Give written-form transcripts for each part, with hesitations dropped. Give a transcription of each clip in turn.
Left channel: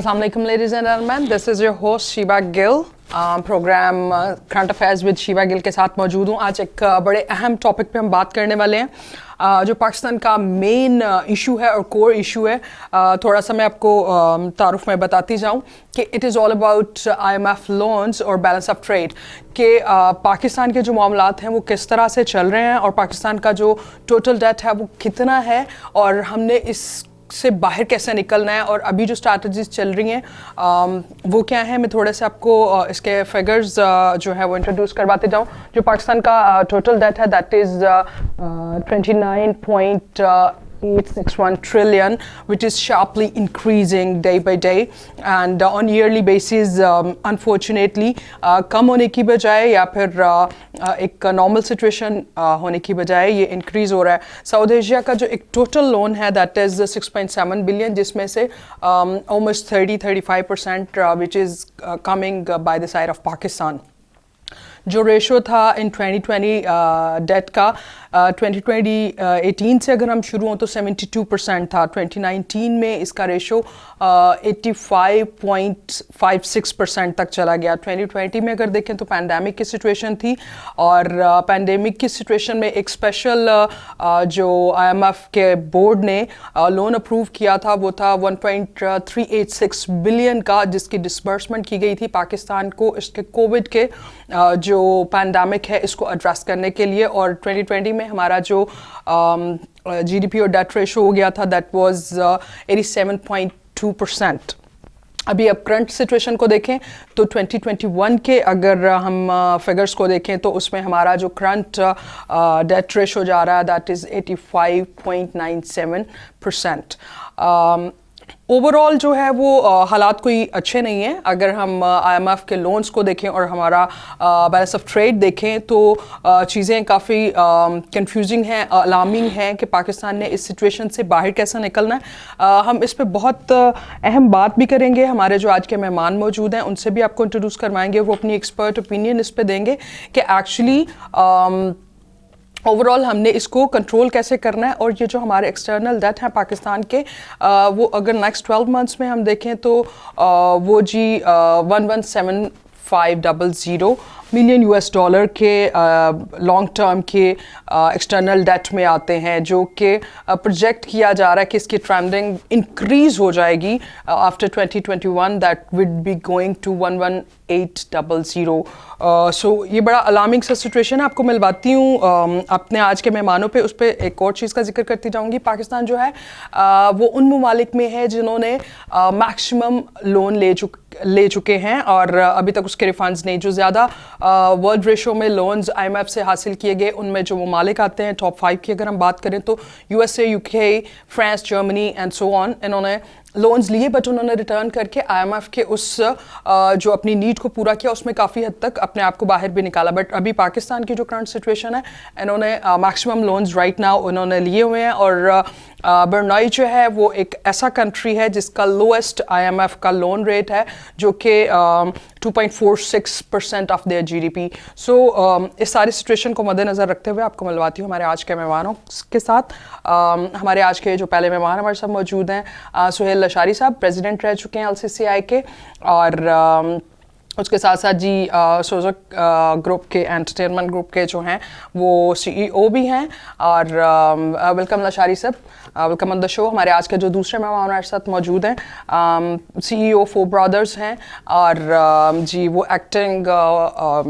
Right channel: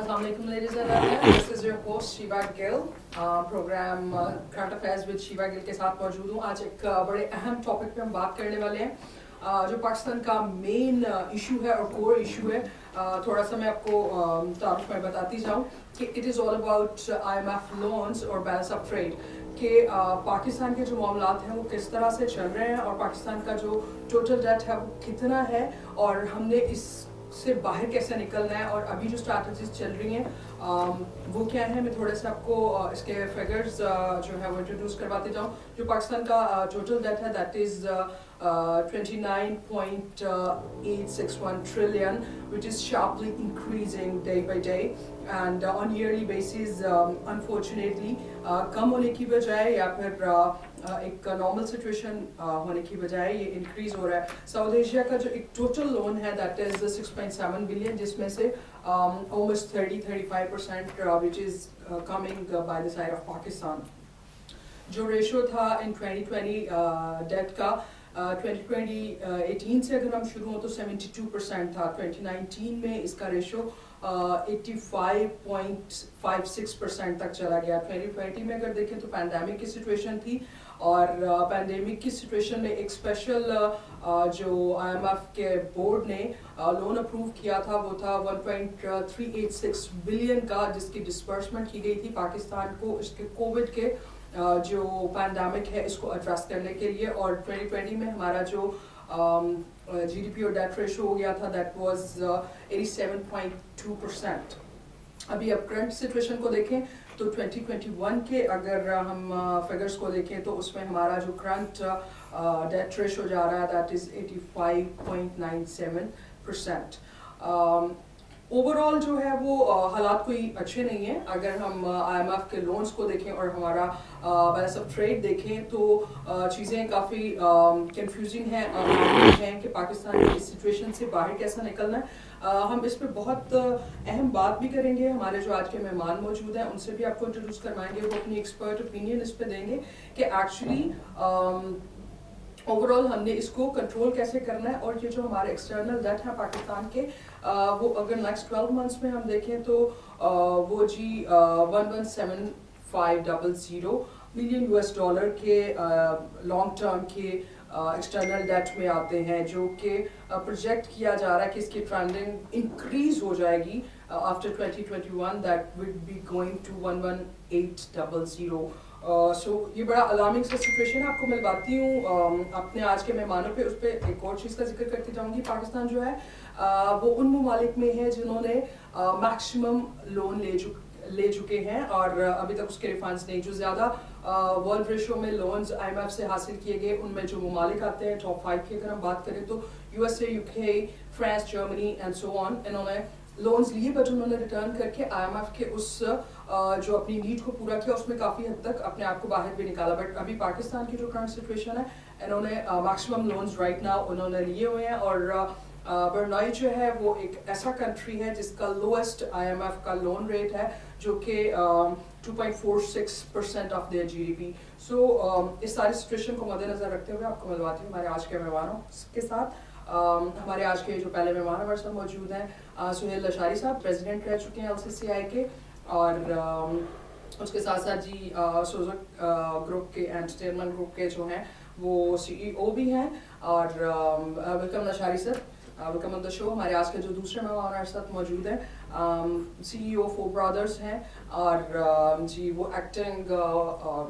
Assalamu alaikum, ladies and gentlemen. This is your host Shiva Gill. Programme current affairs with Shiva Gill के साथ मौजूद हूँ. आज एक बड़े अहम टॉपिक पे हम बात करने वाले हैं, जो पाकिस्तान का मेन इशू है और कोर इशू है. थोड़ा सा मैं आपको तारुफ में बताती जाऊँ कि it is all about IMF loans और बैलेंस ऑफ ट्रेड के पाकिस्तान के जो मामलात हैं वो किस तरह से चल रहे हैं और पाकिस्तान का जो टोटल डेट है वो कितना है और हमने इस से बाहर कैसे निकलना है और अभी जो स्ट्रैटेजीज चल रही हैं वो क्या है. मैं थोड़े से आपको इसके फिगर्स जो है वो इंट्रोड्यूस करवाते जाऊँ. जो पाकिस्तान का टोटल डेट है that is 29.861 trillion, which is sharply increasing day by day and on yearly basis unfortunately कम होने की बजाय या फिर एक नॉर्मल सिचुएशन होने की बजाय ये इंक्रीज़ हो रहा है. साउथ एशिया का जो एक टोटल लोन है दैट इज़ 6.7 बिलियन, जिसमें से almost 30-35% which is coming by the side of Pakistan. जो रेशो था इन 2020 डेट का 2018 से अगर हम शुरू हों तो 72% था. 2019 में इसका रेशो 85.56% तक चला गया. 2020 में अगर देखें तो पैंडेमिक की सिचुएशन थी और पैंडेमिक की सिचुएशन में एक स्पेशल जो IMF के बोर्ड ने लोन अप्रूव किया था वो था 1.386 बिलियन का, जिसकी डिसबर्समेंट की गई थी पाकिस्तान को इसके कोविड के जो पैंडेमिक है इसको एड्रेस करने के लिए. और 2020 में हमारा जो GDP और डेट रेशो हो गया था दैट वाज 87.2%. अभी अब करंट सिचुएशन को देखें तो 2021 के अगर हम फिगर्स को देखें तो उसमें हमारा जो करंट डेट रेशो जा रहा है दैट इज़ 85.97%. ओवरऑल जो है वो हालात कोई अच्छे नहीं हैं. अगर हम IMF के लोन्स को देखें और हमारा बैलेंस ऑफ ट्रेड देखें तो चीज़ें काफ़ी कंफ्यूजिंग हैं, अलार्मिंग हैं कि पाकिस्तान ने इस सिचुएशन से बाहर कैसे निकलना है. हम इस पे बहुत अहम बात भी करेंगे. हमारे जो आज के मेहमान मौजूद हैं उनसे भी आपको इंट्रोड्यूस करवाएंगे, वो अपनी एक्सपर्ट ओपिनियन इस पे देंगे कि एक्चुअली ओवरऑल हमने इसको कंट्रोल कैसे करना है. और ये जो हमारे एक्सटर्नल डेट हैं पाकिस्तान के वो अगर नेक्स्ट 12 मंथ्स में हम देखें तो वो जी 117500 मिलियन US$ के लॉन्ग टर्म के एक्सटर्नल डेट में आते हैं, जो कि प्रोजेक्ट किया जा रहा है कि इसकी ट्रेंडिंग इंक्रीज़ हो जाएगी after 2021 that will be going to 11800. So ये बड़ा अलार्मिंग सा सिचुएशन है. आपको मिलवाती हूँ अपने आज के मेहमानों पे, उस पर एक और चीज़ का जिक्र करती जाऊँगी. पाकिस्तान जो है वो उन ममालिक में है जिन्होंने मैक्सिमम लोन ले चुके हैं और अभी तक उसके रिफंड्स नहीं. जो ज़्यादा वर्ल्ड रेशो में लोन्स IMF से हासिल किए गए उनमें जो ममालिक आते हैं टॉप 5 की अगर हम बात करें तो USA, UK, France, Germany and so on. इन्होंने लोन्स लिए बट उन्होंने रिटर्न करके IMF के उस जो अपनी नीड को पूरा किया उसमें काफ़ी हद तक अपने आप को बाहर भी निकाला. बट अभी पाकिस्तान की जो करंट सिचुएशन है इन्होंने मैक्सिमम लोन्स राइट नाउ उन्होंने लिए हुए हैं. और ब्रुनेई जो है वो एक ऐसा कंट्री है जिसका लोएस्ट IMF का लोन रेट है जो कि 2.46% ऑफ देयर GDP. सो इस सारी सिचुएशन को मद्देनज़र रखते हुए आपको मिलवाती हूँ हमारे आज के मेहमानों के साथ. हमारे आज के जो पहले मेहमान हमारे साथ मौजूद हैं सुहेल लशारी साहब, प्रेसिडेंट रह चुके हैं LCCI के, और उसके साथ साथ जी सोजक ग्रुप के एंटरटेनमेंट ग्रुप के जो हैं वो CEO भी हैं. और वेलकम लशारी साहब, वेलकम ऑन द शो. हमारे आज के जो दूसरे मेहमान हमारे साथ मौजूद हैं CEO फोर ब्रदर्स हैं और जी वो एक्टिंग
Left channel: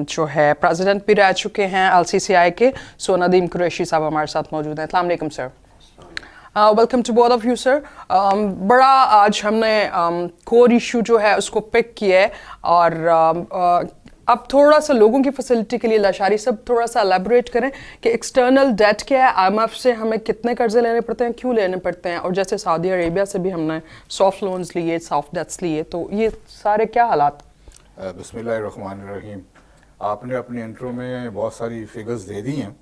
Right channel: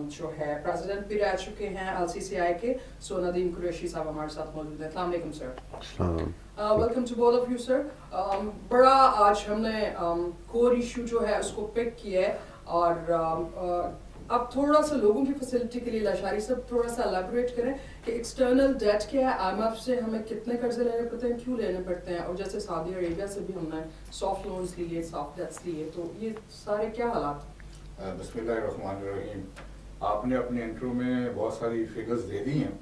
जो है प्रेसिडेंट भी रह चुके हैं LCCI के. सो नदीम कुरैशी साहब हमारे साथ मौजूद हैं. अस्सलाम वालेकुम sir. Welcome to both of you sir. बड़ा आज हमने कोर इशू जो है उसको पिक किया है और अब थोड़ा सा लोगों की फैसिलिटी के लिए लशारी सब थोड़ा सा एलेबोरेट करें कि एक्सटर्नल डेट क्या है, IMF से हमें कितने कर्जे लेने पड़ते हैं, क्यों लेने पड़ते हैं, और जैसे सऊदी अरेबिया से भी हमने सॉफ्ट लोन्स लिए, सॉफ्ट डेट्स लिए, तो ये सारे क्या हालात. बिस्मिल्लाहिर्रहमानिर्रहीम. आपने अपने इंट्रो में बहुत सारी फिगर्स दे दी हैं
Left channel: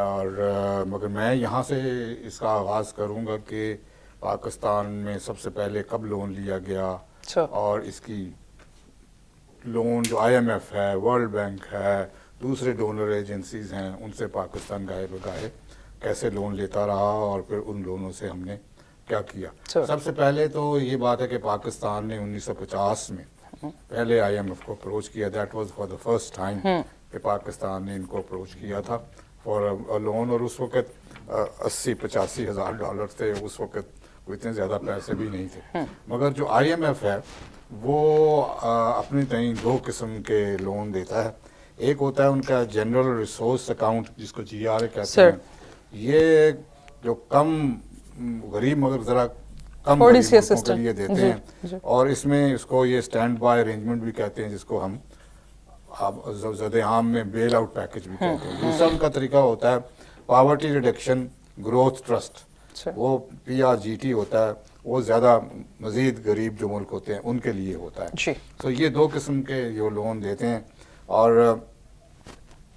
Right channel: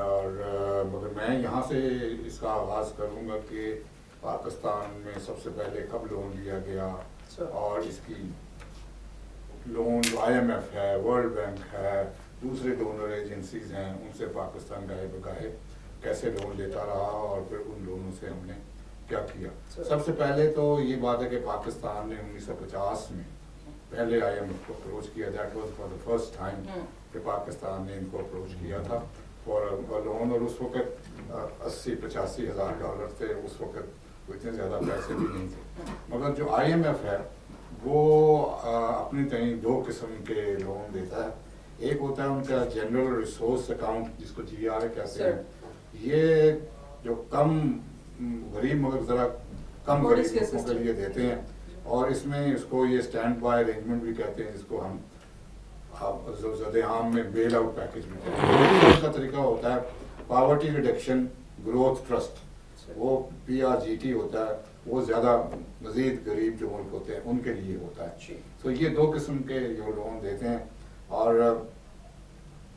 और मगर मैं यहाँ से इसका आगाज़ करूँगा कि पाकिस्तान में सबसे पहले कब लोन लिया गया और इसकी लोन जो IMF है, वर्ल्ड बैंक है, दूसरे डोनर एजेंसीज हैं, उनसे पाकिस्तान गाए बगाए कैसे लोन लेता रहा और फिर उन लोनों से हमने क्या किया। Sure. सबसे पहले तो ये बात है कि पाकिस्तान ने 1950 में पहले IMF को अप्रोच किया, that was for the first time कि पाकिस्तान ने इनको अप्रोच किया था फॉर अ लोन, और उस वक्त 80-85 हज़ार डॉलर थे, उस वक्त इतने ज़्यादा पैसे भी नहीं थे। मगर जो IMF है वो अपने तय दो किस्म के लोन देता है। एक होता है उनका जनरल रिसोर्स अकाउंट, जिसको GRA कहते हैं। ये जो कम गरीब मगर ज़रा कम थोड़ी सी गरीब लोगों के लिए देते हैं, और इसमें इसको ये स्टैंड बाय अरेंजमेंट भी कहते हैं, जिसको हम ज़द-ए-आम में बेल आउट पैकेज भी कहते हैं। दूसरा का तरीका होता है पॉवर्टी रिडक्शन ग्रोथ ट्रस्ट, वो PRGT होता है, वो ज़्यादा मज़ीद गरीब जो मुल्क होते हैं उनके लिए होता है। तो ये दो किस्म के ये लोन देते हैं। और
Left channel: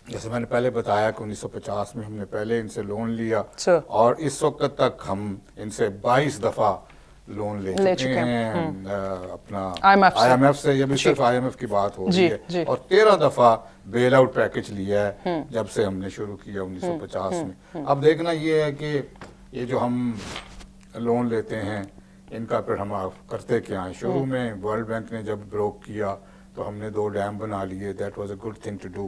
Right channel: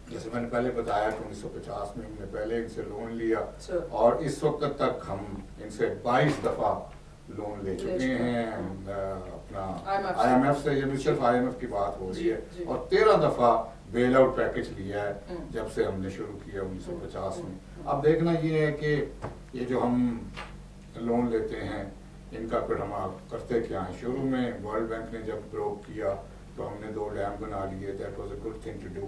जैसे मैंने पहले बताया कि 1950 में हमने पहले इनसे लोन लिया, और इस वक्त तक हम इनसे 22 दफ़ा लोन ले चुके हैं अपना IMF से। ये भी सिर्फ IMF की बात हो रही है, और 13 दफ़ा बेल आउट पैकेज लिया है जब से हमने शुरू किया 1950 में। अब देखना ये है कि ये जो हम लोन लेते हैं इनका फिर हम करते क्या हैं। शुरू में वर्ल्ड बैंक ने जब ब्रोक किया तो हमने 2 डैम बना लिए, that was a good thing to do.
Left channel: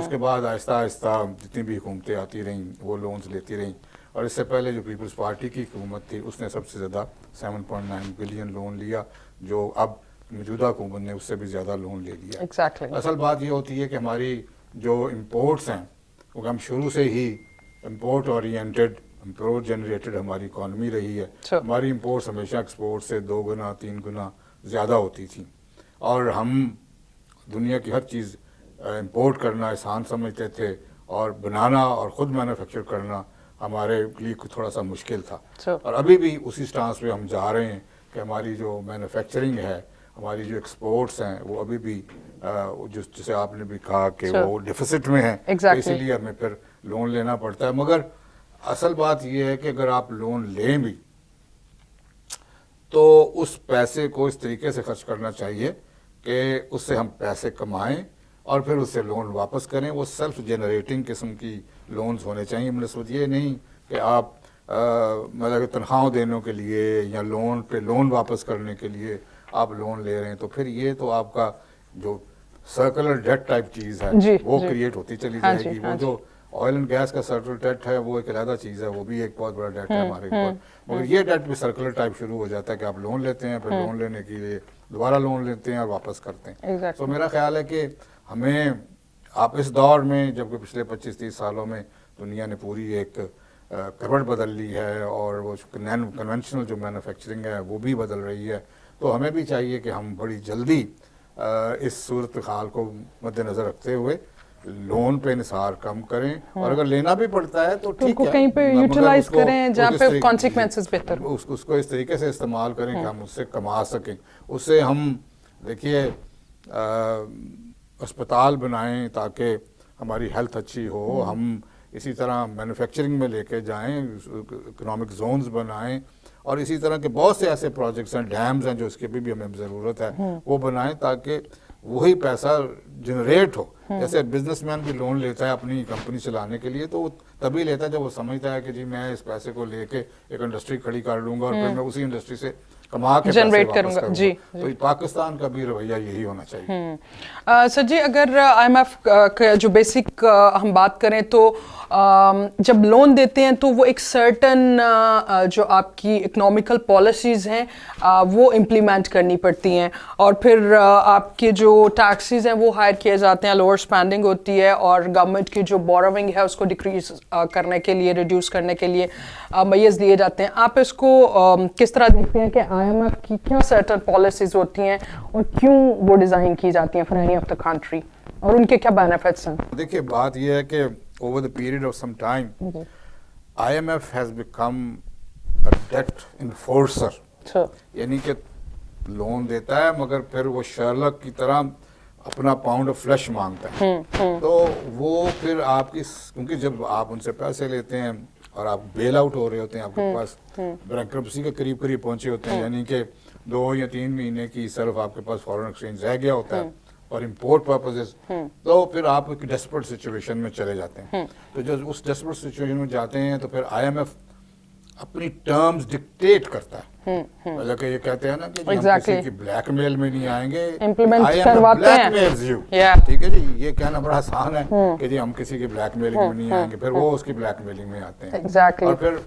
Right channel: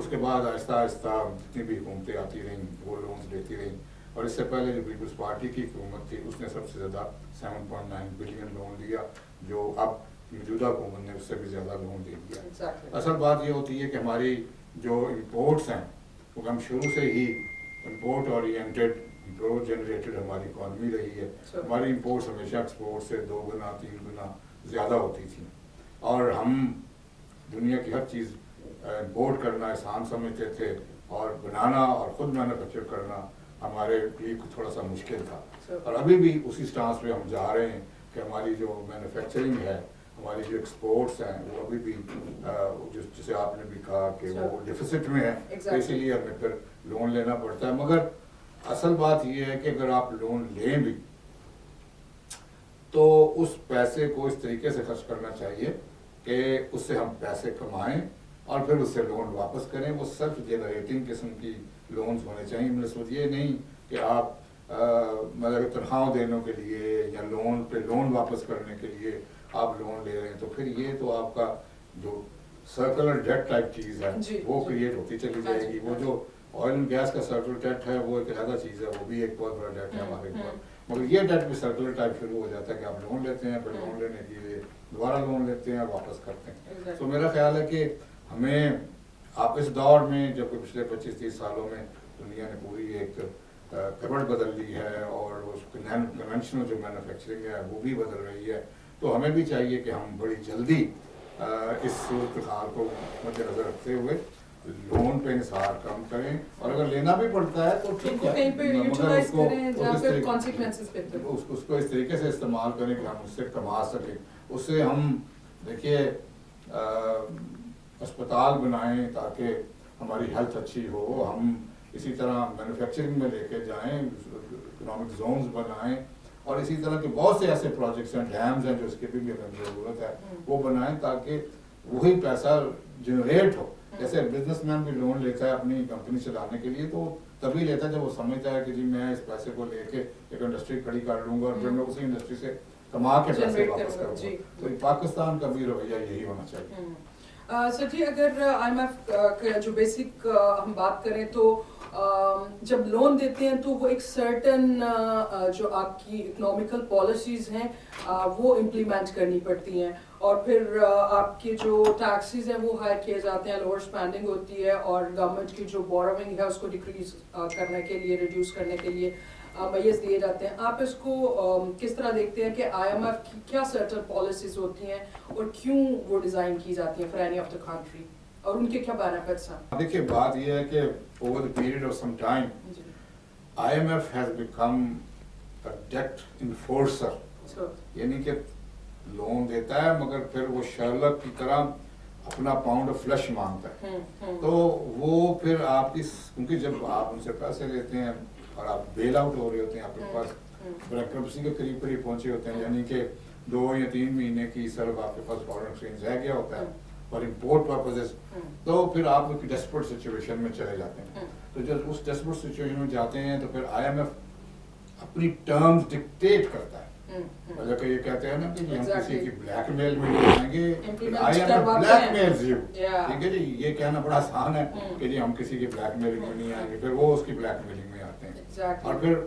उसके बाद आहिस्ता आहिस्ता जितनी भी हुकूमतें आती रहीं वो लोन्स लेती रहीं, और इससे पहले जो पीपल्स पार्टी की हुकूमत थी उसने सबसे ज़्यादा 7.9 बिलियन लोन लिया, जो अब मौजूदा हुकूमत ने उससे भी ज़्यादा लोन ले लिया। असल बात ये होती है कि हमारी जो इम्पोर्ट्स हैं वो हम शुरू से ही इम्पोर्ट ओरिएंटेड, इम्पोर्ट जनरेटेड हमारी इकॉनमी रही है। हमारी इम्पोर्ट्स हमेशा एक्सपोर्ट से 2 गुना 3 गुना ज़्यादा होती थी, और हम दुनिया की हर चीज़ इम्पोर्ट करना आसान समझते थे, और बनाना और ख़ुद मैन्युफैक्चर करना हमारे लिए थोड़ा सा मुश्किल था। और अभी भी उसी स्टांस पे हम जा रहे हैं कि हमारी जो मैन्युफैक्चरिंग है, हमारी जो एक्सपोर्ट्स हैं, वो अभी भी जिसे आपने भी कहा कि वो डिफिसिट में है, इसलिए हमें फिर लोन लेना पड़ता है। मगर असल बात ये है कि अगर आप लोन लें भी तो उस पैसे को इस तरीके से खर्च करना चाहिए कि उससे हम पैसे कमाएं और फिर उससे लोन वापस करें। वो सेल्फ जनरेटिंग किस्म की लोन्स होने चाहिए। मतलब ये नहीं कि आप मतलब तनख्वाह देने के लिए या लोन पे लोन वापस करने के लिए आप लोन ले रहे हैं, तो फिर ये तो आपका जो सर्कुलर डेट टाइप चीज़ है वो क्रिएट होती चली जाएगी। वो जो ऑयल एंड गैस का सर्कुलर डेट है वो एक अलग चीज़ है, वो भी एक बहुत बड़ा डेट है हमारे ऊपर। मगर ये डेट भी सर्कुलर टाइप शुरू हो जाता है कि आप लोन लेते हैं, फिर लोन लेने के लिए दोबारा लोन लेते हैं और वापस करते हैं। तो मेरा ख्याल है कि हमें आप इस दौर में, जबकि पिछले 25-30 सालों में दुनिया ने पूरी एक करवट बदल ली है और वो कन्वेंशनल जो मैन्युफैक्चरिंग है वो भी बदल रही है, तो हमें भी चाहिए कि हम बड़ी जल्दी इस सूरत हाल को मद्देनज़र रखते हुए लोन पे निसार कम करें, और अगर लेना भी पड़ता है तो ठीक है, कहीं पे यूटिलाइज करें जहाँ पे कॉन्सिक्वेंसेस बेहतर हो, उसको इस तरीके से इस्तेमाल करें कि हम उससे कमा सकें। उससे हम देखिए अस्पताल बनाएं ताकि हमारी हेल्थ अच्छी हो, हम इसी तरह मैन्युफैक्चरिंग में लेके जाएं, इकोनॉमिक जोन्स बनाएं, और इसी तरह के बहुत से ऐसे प्रोजेक्ट्स हैं, डैम्स हैं जो इसके भी हमें ज़रूरत है वो बनाएं ताकि वही पैसा जनरेट हो। जैसे बिजनेसमैन भी लोन लेता है अपनी कंपनी चलाने के लिए, तो तभी लेता है जब वो समझता है कि जी मैं इस पैसे को लेके एक इंडस्ट्री खड़ी कर लूंगा और फिर मैं उसी इंडस्ट्री से कमा के जनरेट करूंगा। जी, तो पाकिस्तान का भी रवैया यही होना चाहिए। सर जी, अगर IMF का जो बेसिक हम बात करें तो जब लोन देते हैं तो वो एक सर्टन जो आपकी इकोनॉमिकल पॉलिसीज़ हैं वो इम्प्लीमेंट करनी पड़ती हैं, और फिर आपके जो टैक्सेस हैं वो हायर किए जाते हैं, लोअर स्पेंडिंग होती है, और गवर्नमेंट की जो बोरोइंग है उसको डिक्रीज करने के लिए, रिड्यूस करने के लिए मैयर्स दिए जाते हैं। आप इसको किस तरह देखते हैं कि IMF की क्या सर्टन पॉलिसीज़ होती हैं और क्यों वो डिज़ाइन की जाती हैं for any of the country, और उनके क्या बेनिफिट्स हैं? देखिए बात यह है कि over the period of some time, IMF has become a debt enforcer. यानी कि लोन देता है मगर फिर वो शर्लक की तरह अपना पाउंड ऑफ फ्लैश मांगता है। तो वो फिर आपकी, क्योंकि जब आप उनसे पैसे लेते हैं और आप बेल आउट हो रहे होते हैं, आपके पास बैंक्रप्सी के करीब करीब पहुंचे होते हैं, यानी कि 2 या 3 महीने की सिर्फ आपके पास फॉरेन एक्सचेंज रह गया होता है और इम्पोर्ट पर्पजेस, तो फिर आप एक डेस्परेट सिचुएशन में चले जाते हैं। तो जब उस डेस्परेट सिचुएशन में जाते हैं तो फिर IMF अपनी टर्म्स डिक्टेट करता है। मतलब कि ये कहते हैं ना कि हम किसी की ब्लैकमेल में नहीं आएंगे, Implement करवाते हैं। Yeah. ठीक है जी, ये कहना बड़ा आसान है कि जी हम किसी की ब्लैकमेलिंग में नहीं आएंगे, फिर वो उसकी ब्लैकमेलिंग में आते हैं। Exactly. और फिर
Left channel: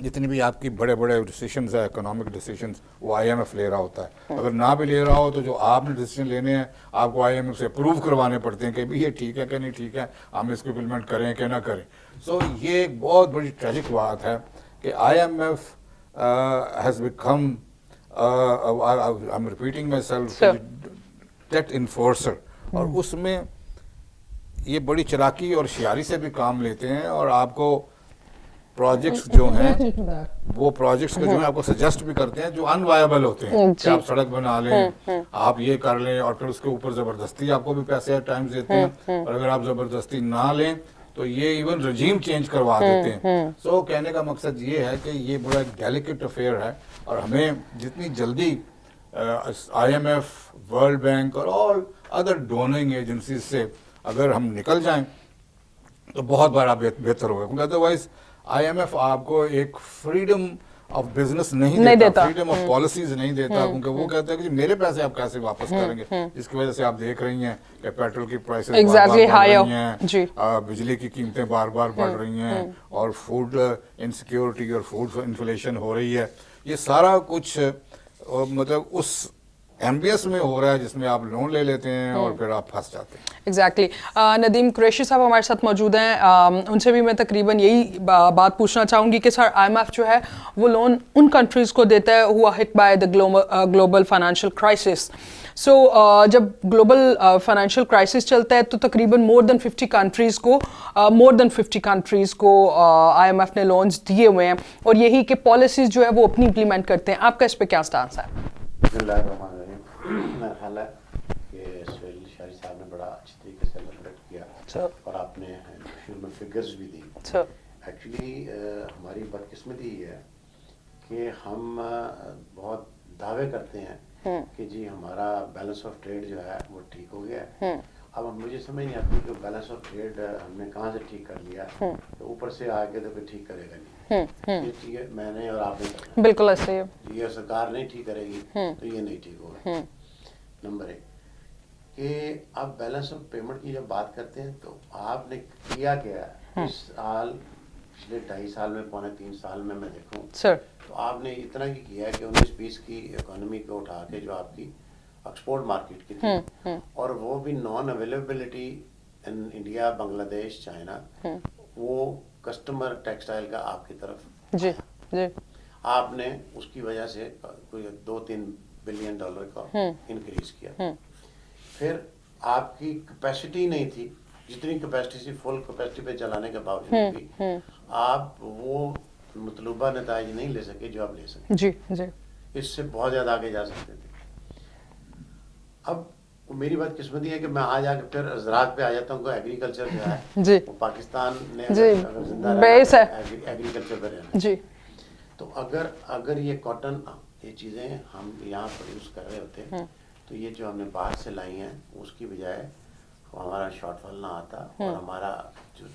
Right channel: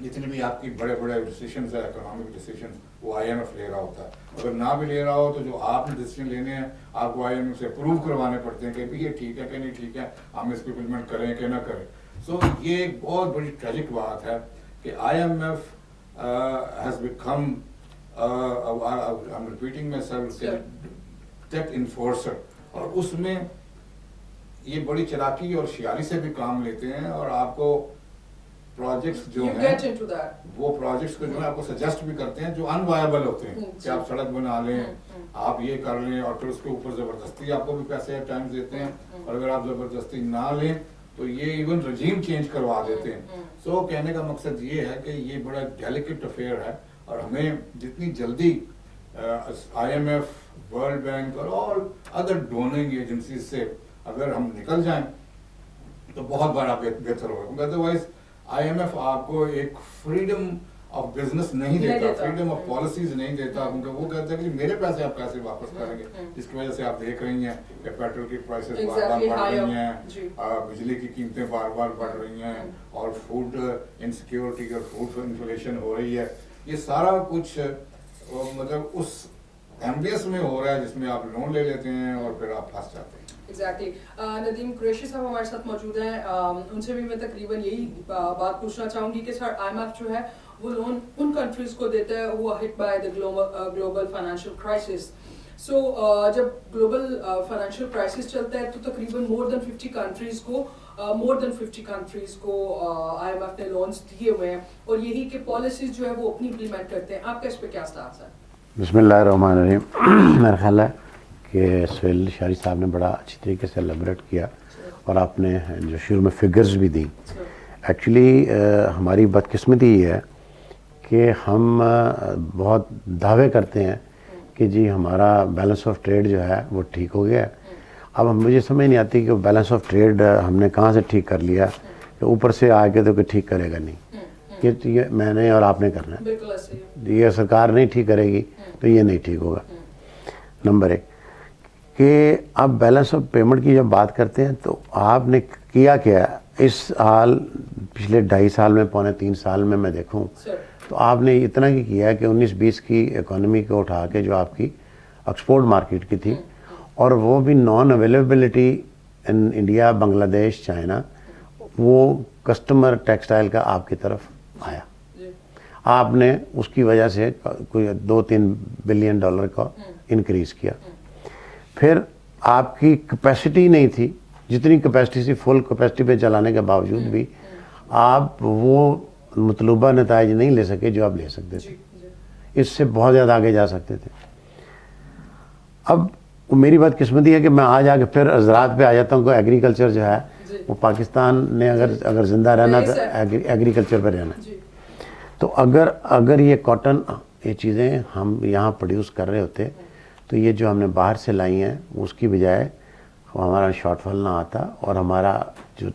जितनी भी आपकी बड़े बड़े डिसीजंस है, इकोनॉमिक डिसीजंस, वो IMF ले रहा होता है। अगर ना भी ले रहा हो तो जो आपने डिसीजन लेने हैं आपको IMF से अप्रूव करवाने पड़ते हैं कि भी ये ठीक है कि नहीं ठीक है, हम इसको इम्प्लीमेंट करें कि ना करें। सो ये एक बहुत बड़ी ट्रेजिक बात है कि IMF has become I'm repeating myself, debt enforcer, और उसमें ये बड़ी चलाकी और होशियारी से भी काम लेते हैं और आपको प्रोजेक्ट्स जो हैं वो प्रोजेक्ट्स के जो है आपको सजेस्ट भी करते हैं जो अनवायबल होते हैं कि आप सड़क बना लें, आप ये कर लें, और फिर उसके ऊपर जबरदस्ती आपको भी पैसे एट टाइम्स देते हैं, और अगर आप जबरदस्ती ना लें तो ये इवन रजीम चेंज करवा देते हैं। सो कहने का मकसद ये है कि ये बड़ा डेलिकेट अफेयर है और हमें जितनी जल्दी IMF, वर्ल्ड बैंक और ऑल अदर डोनिंग एजेंसीज से अगर हम निकल जाएं तो बहुत बड़ा बेहतर होगा, क्योंकि अदरवाइज IMF आपको एक फ्रीडम ऑफ बिजनेस नहीं देता, फ्रीडम ऑफ पॉलिसीज नहीं देता, क्योंकि वो कहता है कि मेरे पैसे आप कैसे वापस करेंगे, जिसकी वजह से आप देख रही हैं कि पेट्रोल की प्राइसेस Exactly, बढ़ रही हैं, बिजली की कीमतें बार बार बढ़ रही हैं, और फूड इनसिक्योरिटी और फूड इन्फ्लेशन हो रही है। ये सारा कुछ मतलब उस एम्बियंस में हो रहा है जिसमें आप लोन ले लेते हैं और फिर आप फंस जाते हैं। एग्जैक्टली नदीम कुरैशी साहब हमारे साथ मौजूद हैं, उनसे भी मैं तकरीबन यही बात पूछना चाहूँगी कि सर IMF जो है वो लोन उन कंट्रीज़ को देता है हुआ hit by the global financial crisis. So जब ग्लोबल फाइनेंशियल क्राइसिस चलता है तो तकरीबन मोर देन 50 कंट्रीज़ को IMF ने लोन्स दिए हुए हैं, और यही कि पॉलिसीज़ जो है वो अपनी इम्प्लीमेंट करते हैं। आपका इस पर क्या स्टांस है? बिस्मिल्लाहिर्रहमानिर्रहीम। मेरा ख्याल है कि सुहेल शारी साहब ने बड़ा अच्छी तरीके से एलेबोरेट किया और आपने जो शुरू में फिगर्स भी दी। एक्चुअली हमारी बदकिस्मती ये है कि हम बहुत दावे करते हैं कि जी हमारा बैलेंस ऑफ ट्रेड जो है वो ठीक हो गया है। अब मुझे समझ नहीं आती कि वो बैलेंस ऑफ ट्रेड हमने कहाँ से ठीक कर लिया, कि ऊपर से आके तो कोई ठीक करेगा नहीं, ये मैंने और आपने करना है। बिल्कुल ऐसे ही, ये सरकार नहीं ठीक करेगी तो ये नहीं ठीक होगा। नंबर एक कि अब बैलेंस ऑफ पेमेंट की जब बात करते हैं तो आपने किया क्या इस साल, पिछले 2.5 साल में, पौने 3 साल में मैं देखूं तो आपने इतना ही किया है कि 19-20 की इकोनॉमी को उठा के जो आपकी एक्सपोर्ट मार्केट की थी, और वो भी non availability in India, Bangladesh, China, वो कस्टमर टेक्सटाइल का आपकी तरफ आया। आपने उसकी वजह से कोई $2-3 बिलियन का इंक्रीज किया। फिर आपकी कैपेसिटी नहीं थी, जितनी कैपेसिटी थी फुल कैपेसिटी पे चलाने के बावजूद भी आप वो मतलूबा नताइज नहीं ले सके जो आप ले सकते जी, जी। इससे बहुत ज़्यादा आगे जा सकते थे। अब मेरी बात किस्मती है कि मैं आज आके फिर ज़राअत पे आ जाता हूँ। एग्रीकल्चर जो है वो पाकिस्तान ने अगर जिंदा रहना तो एग्रीकल्चर पे रहना जी। तो अगर ये कॉटन, ये चीज़ें हम यहाँ प्रोड्यूस कर रहे होते तो ये जो हमने बाहर से लाई हैं उसकी बजाय हमारा शॉर्टफॉल ना आता, और हमारा जो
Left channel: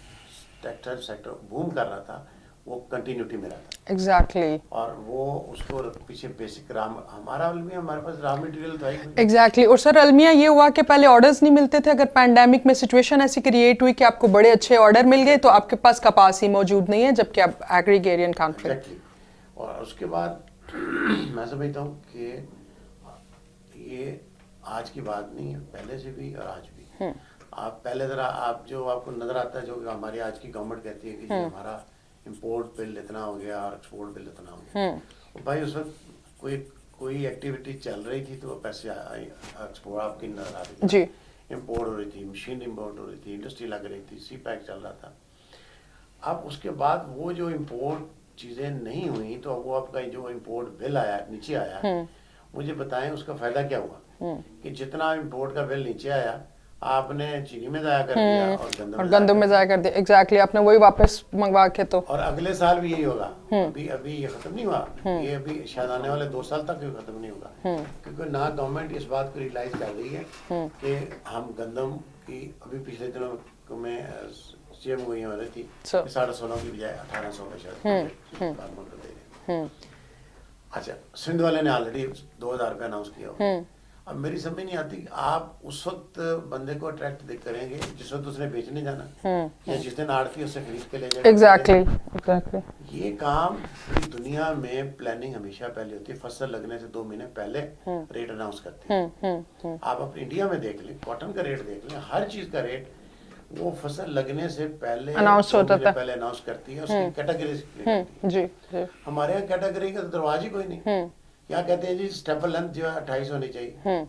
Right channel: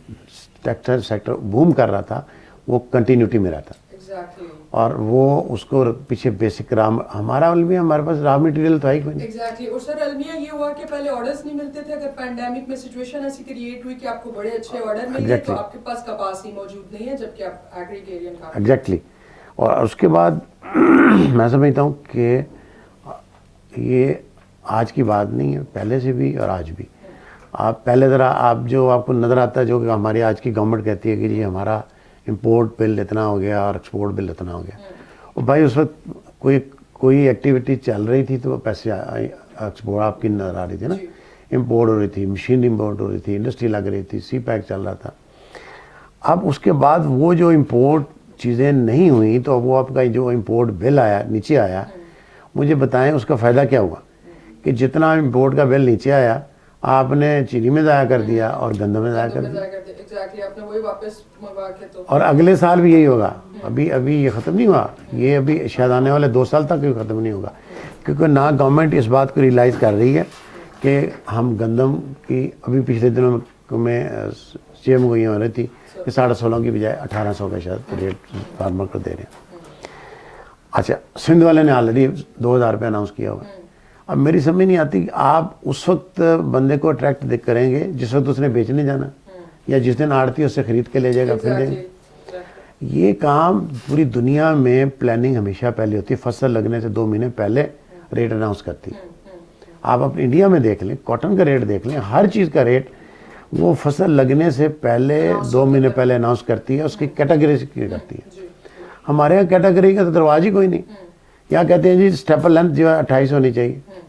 टेक्सटाइल सेक्टर बूम कर रहा था वो कंटिन्यूटी में रहता। एग्जैक्टली। और वो उसको पीछे बेसिक हमारे पास रॉ मटेरियल था ही कोई। एग्जैक्टली। और सर अलमिया ये हुआ कि पहले ऑर्डर्स नहीं मिलते थे, अगर पैंडेमिक में सिचुएशन ऐसी क्रिएट हुई कि आपको बड़े अच्छे ऑर्डर मिल गए तो आपके पास कपास ही मौजूद नहीं है, जबकि आप एग्रीगेरियन काम। एग्जैक्टली। और उसके बाद मैं समझता हूँ कि ये आज की बात नहीं है, पहले से भी और आज भी। आप पहले ज़रा आप जो आपको नज़र आता है जो कि हमारी आज की गवर्नमेंट कहती है कि जी हमारा इंपोर्ट बिल इतना हो गया और एक्सपोर्ट बिल इतना हो गया, और भाई उस वक्त कोई एक्टिविटी चल रही थी तो पैसे एक्सपोर्ट आपकी नज़र आ रही थी, इंपोर्ट हो रही थी, मशीन इंपोर्ट हो रही थी, इंडस्ट्री लग रही थी, CPEC चल रहा था। अब उसके बाद वो जो इंपोर्ट चीज़ें नहीं हुई तो वो आपका जो इंपोर्ट बिल आया, नीचे आया, मुझे बताएं उसका फ़ायदा क्या हुआ कि जितना इंपोर्ट का बिल नीचे आया आपने चीनी में ज़ाया कर दिया और गंदम में ज़ाया कर दिया। एग्जैक्टली, आपने वही वापस मंगवा के तो। और अगले साल भी यही होगा। अभी ये ख़त्म नहीं हुआ, ये अभी शायद आने वाले 2 साल तक ख़त्म नहीं होगा, क्योंकि ना गवर्नमेंट इस बात को रियलाइज़ कर रही है कि हम गंदम की, अभी पिछले दिनों में میں CM کو یہ ہو رہی تھی So- کہ 16.5 کی بجائے 1800 کا شاید ریٹ فارمر کو دے رہے ہیں. اچھا سندھ والے نے آلریڈی 2000 روپے اناؤنس کیا ہوا. اب میری سمجھ نہیں آتی کہ آپ اس وقت بندے کو اٹریکٹ کریں گے جس وقت اس نے بیچنے جانا یا جس دن آڑتی اس سے خرید کے لے جائے گا. ایگزیکٹلی یہ کام پوری دنیا میں پلاننگ ہمیشہ پہلے ہوتی ہے. فصل لگنے سے 2 مہینے پہلے ریٹ اناؤنس کرتی ہے. آپ اپنے انڈیا میں دیکھ لیں, کاٹن کا ریٹ دیکھ لیں, ہر چیز کا ریٹ وہ فصل لگنے سے پہلے 2 مہینے پہلے اناؤنس کرتی ہے, اس کی کیٹیگری کرتی ہے. جی ہمارے یہاں کیٹیگری کا تو دروازہ ہی کوئی نہیں. کیا کہتے ہیں جی اسٹیپل لینتھ جو ہے 28 ہونی چاہیے,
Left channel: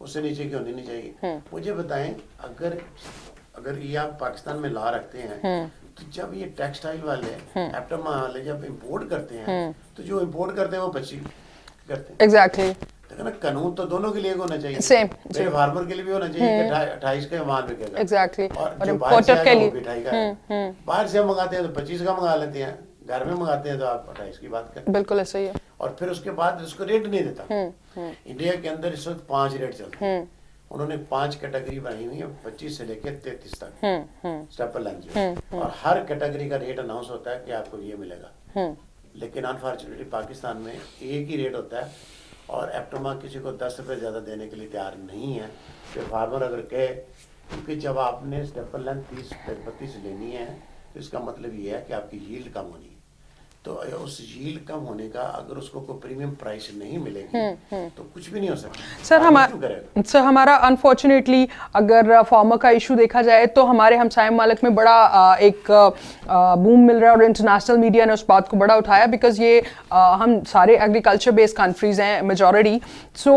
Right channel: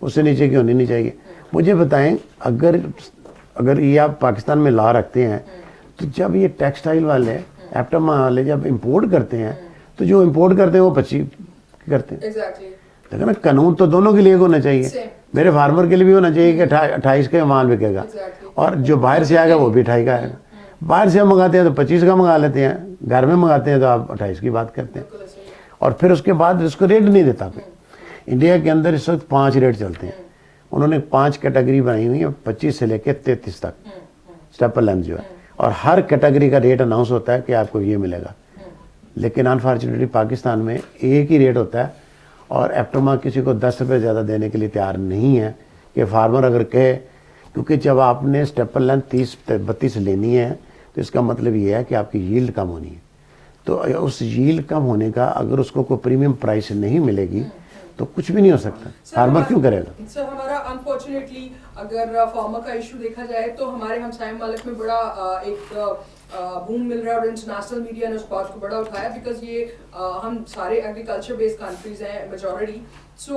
اس سے نیچے کی ہونی نہیں چاہیے. مجھے بتائیں اگر یہ آپ پاکستان میں لا رکھتے ہیں تو جب یہ ٹیکسٹائل والے ایپٹما والے جب امپورٹ کرتے ہیں تو جو امپورٹ کرتے ہیں وہ 25 کرتے ہیں. ایگزیکٹلی دیکھیں نا, قانون تو دونوں کے لیے ہونا چاہیے. Same. میرے فارمر کے لیے بھی ہونا چاہیے کہ 28 کا مال بکے گا, Exactly. اور جو باہر سے آئے گا وہ بھی 28 کا ہے. باہر سے ہم منگاتے ہیں تو 25 کا منگا لیتے ہیں, گھر میں منگاتے ہیں تو آپ 28 کی بات کرتے ہیں. بالکل ایسا ہی ہے. اور پھر اس کے بعد اس کو ریٹ نہیں دیتا. انڈیا کے اندر اس وقت 5 ریٹ چلتے ہیں. انہوں نے 5 کیٹیگری بنائی ہوئی ہے 25 سے لے کے 33 تک اسٹیپل لینتھ جو ہے, اور ہر کیٹیگری کا ریٹ اناؤنس ہوتا ہے کہ آپ کو یہ ملے گا. لیکن انفارچونیٹلی پاکستان میں ایک ہی ریٹ ہوتا ہے, اور ایپٹما کسی کو 10 روپے زیادہ دینے کے لیے تیار نہیں ہے کہ فارمر اگر کہے, کیونکہ جب آپ نے اسٹیپل لینتھ 30-32 لینی ہے تو اس کا مطلب یہ ہے کہ آپ کی ییلڈ کم ہونی ہے. تو اس ییلڈ کم ہونے کا اگر اس کو کوئی پریمیم پرائس نہیں ملے گی تو کچھ بھی نہیں ہو سکتا. فارمر کیوں کرے گا؟ سر ہمارا انفارچونیٹلی اگر فارمر کا ایشو دیکھا جائے تو ہمارے ہمسائے ممالک میں بڑا ایک بوم مل رہا ہے, اور انٹرنیشنل میڈیا نے اس بات کو بڑا اٹھایا, بیکاز یہ ہم سارے ایگریکلچر بیسڈ کنٹریز ہیں میجورٹی. سو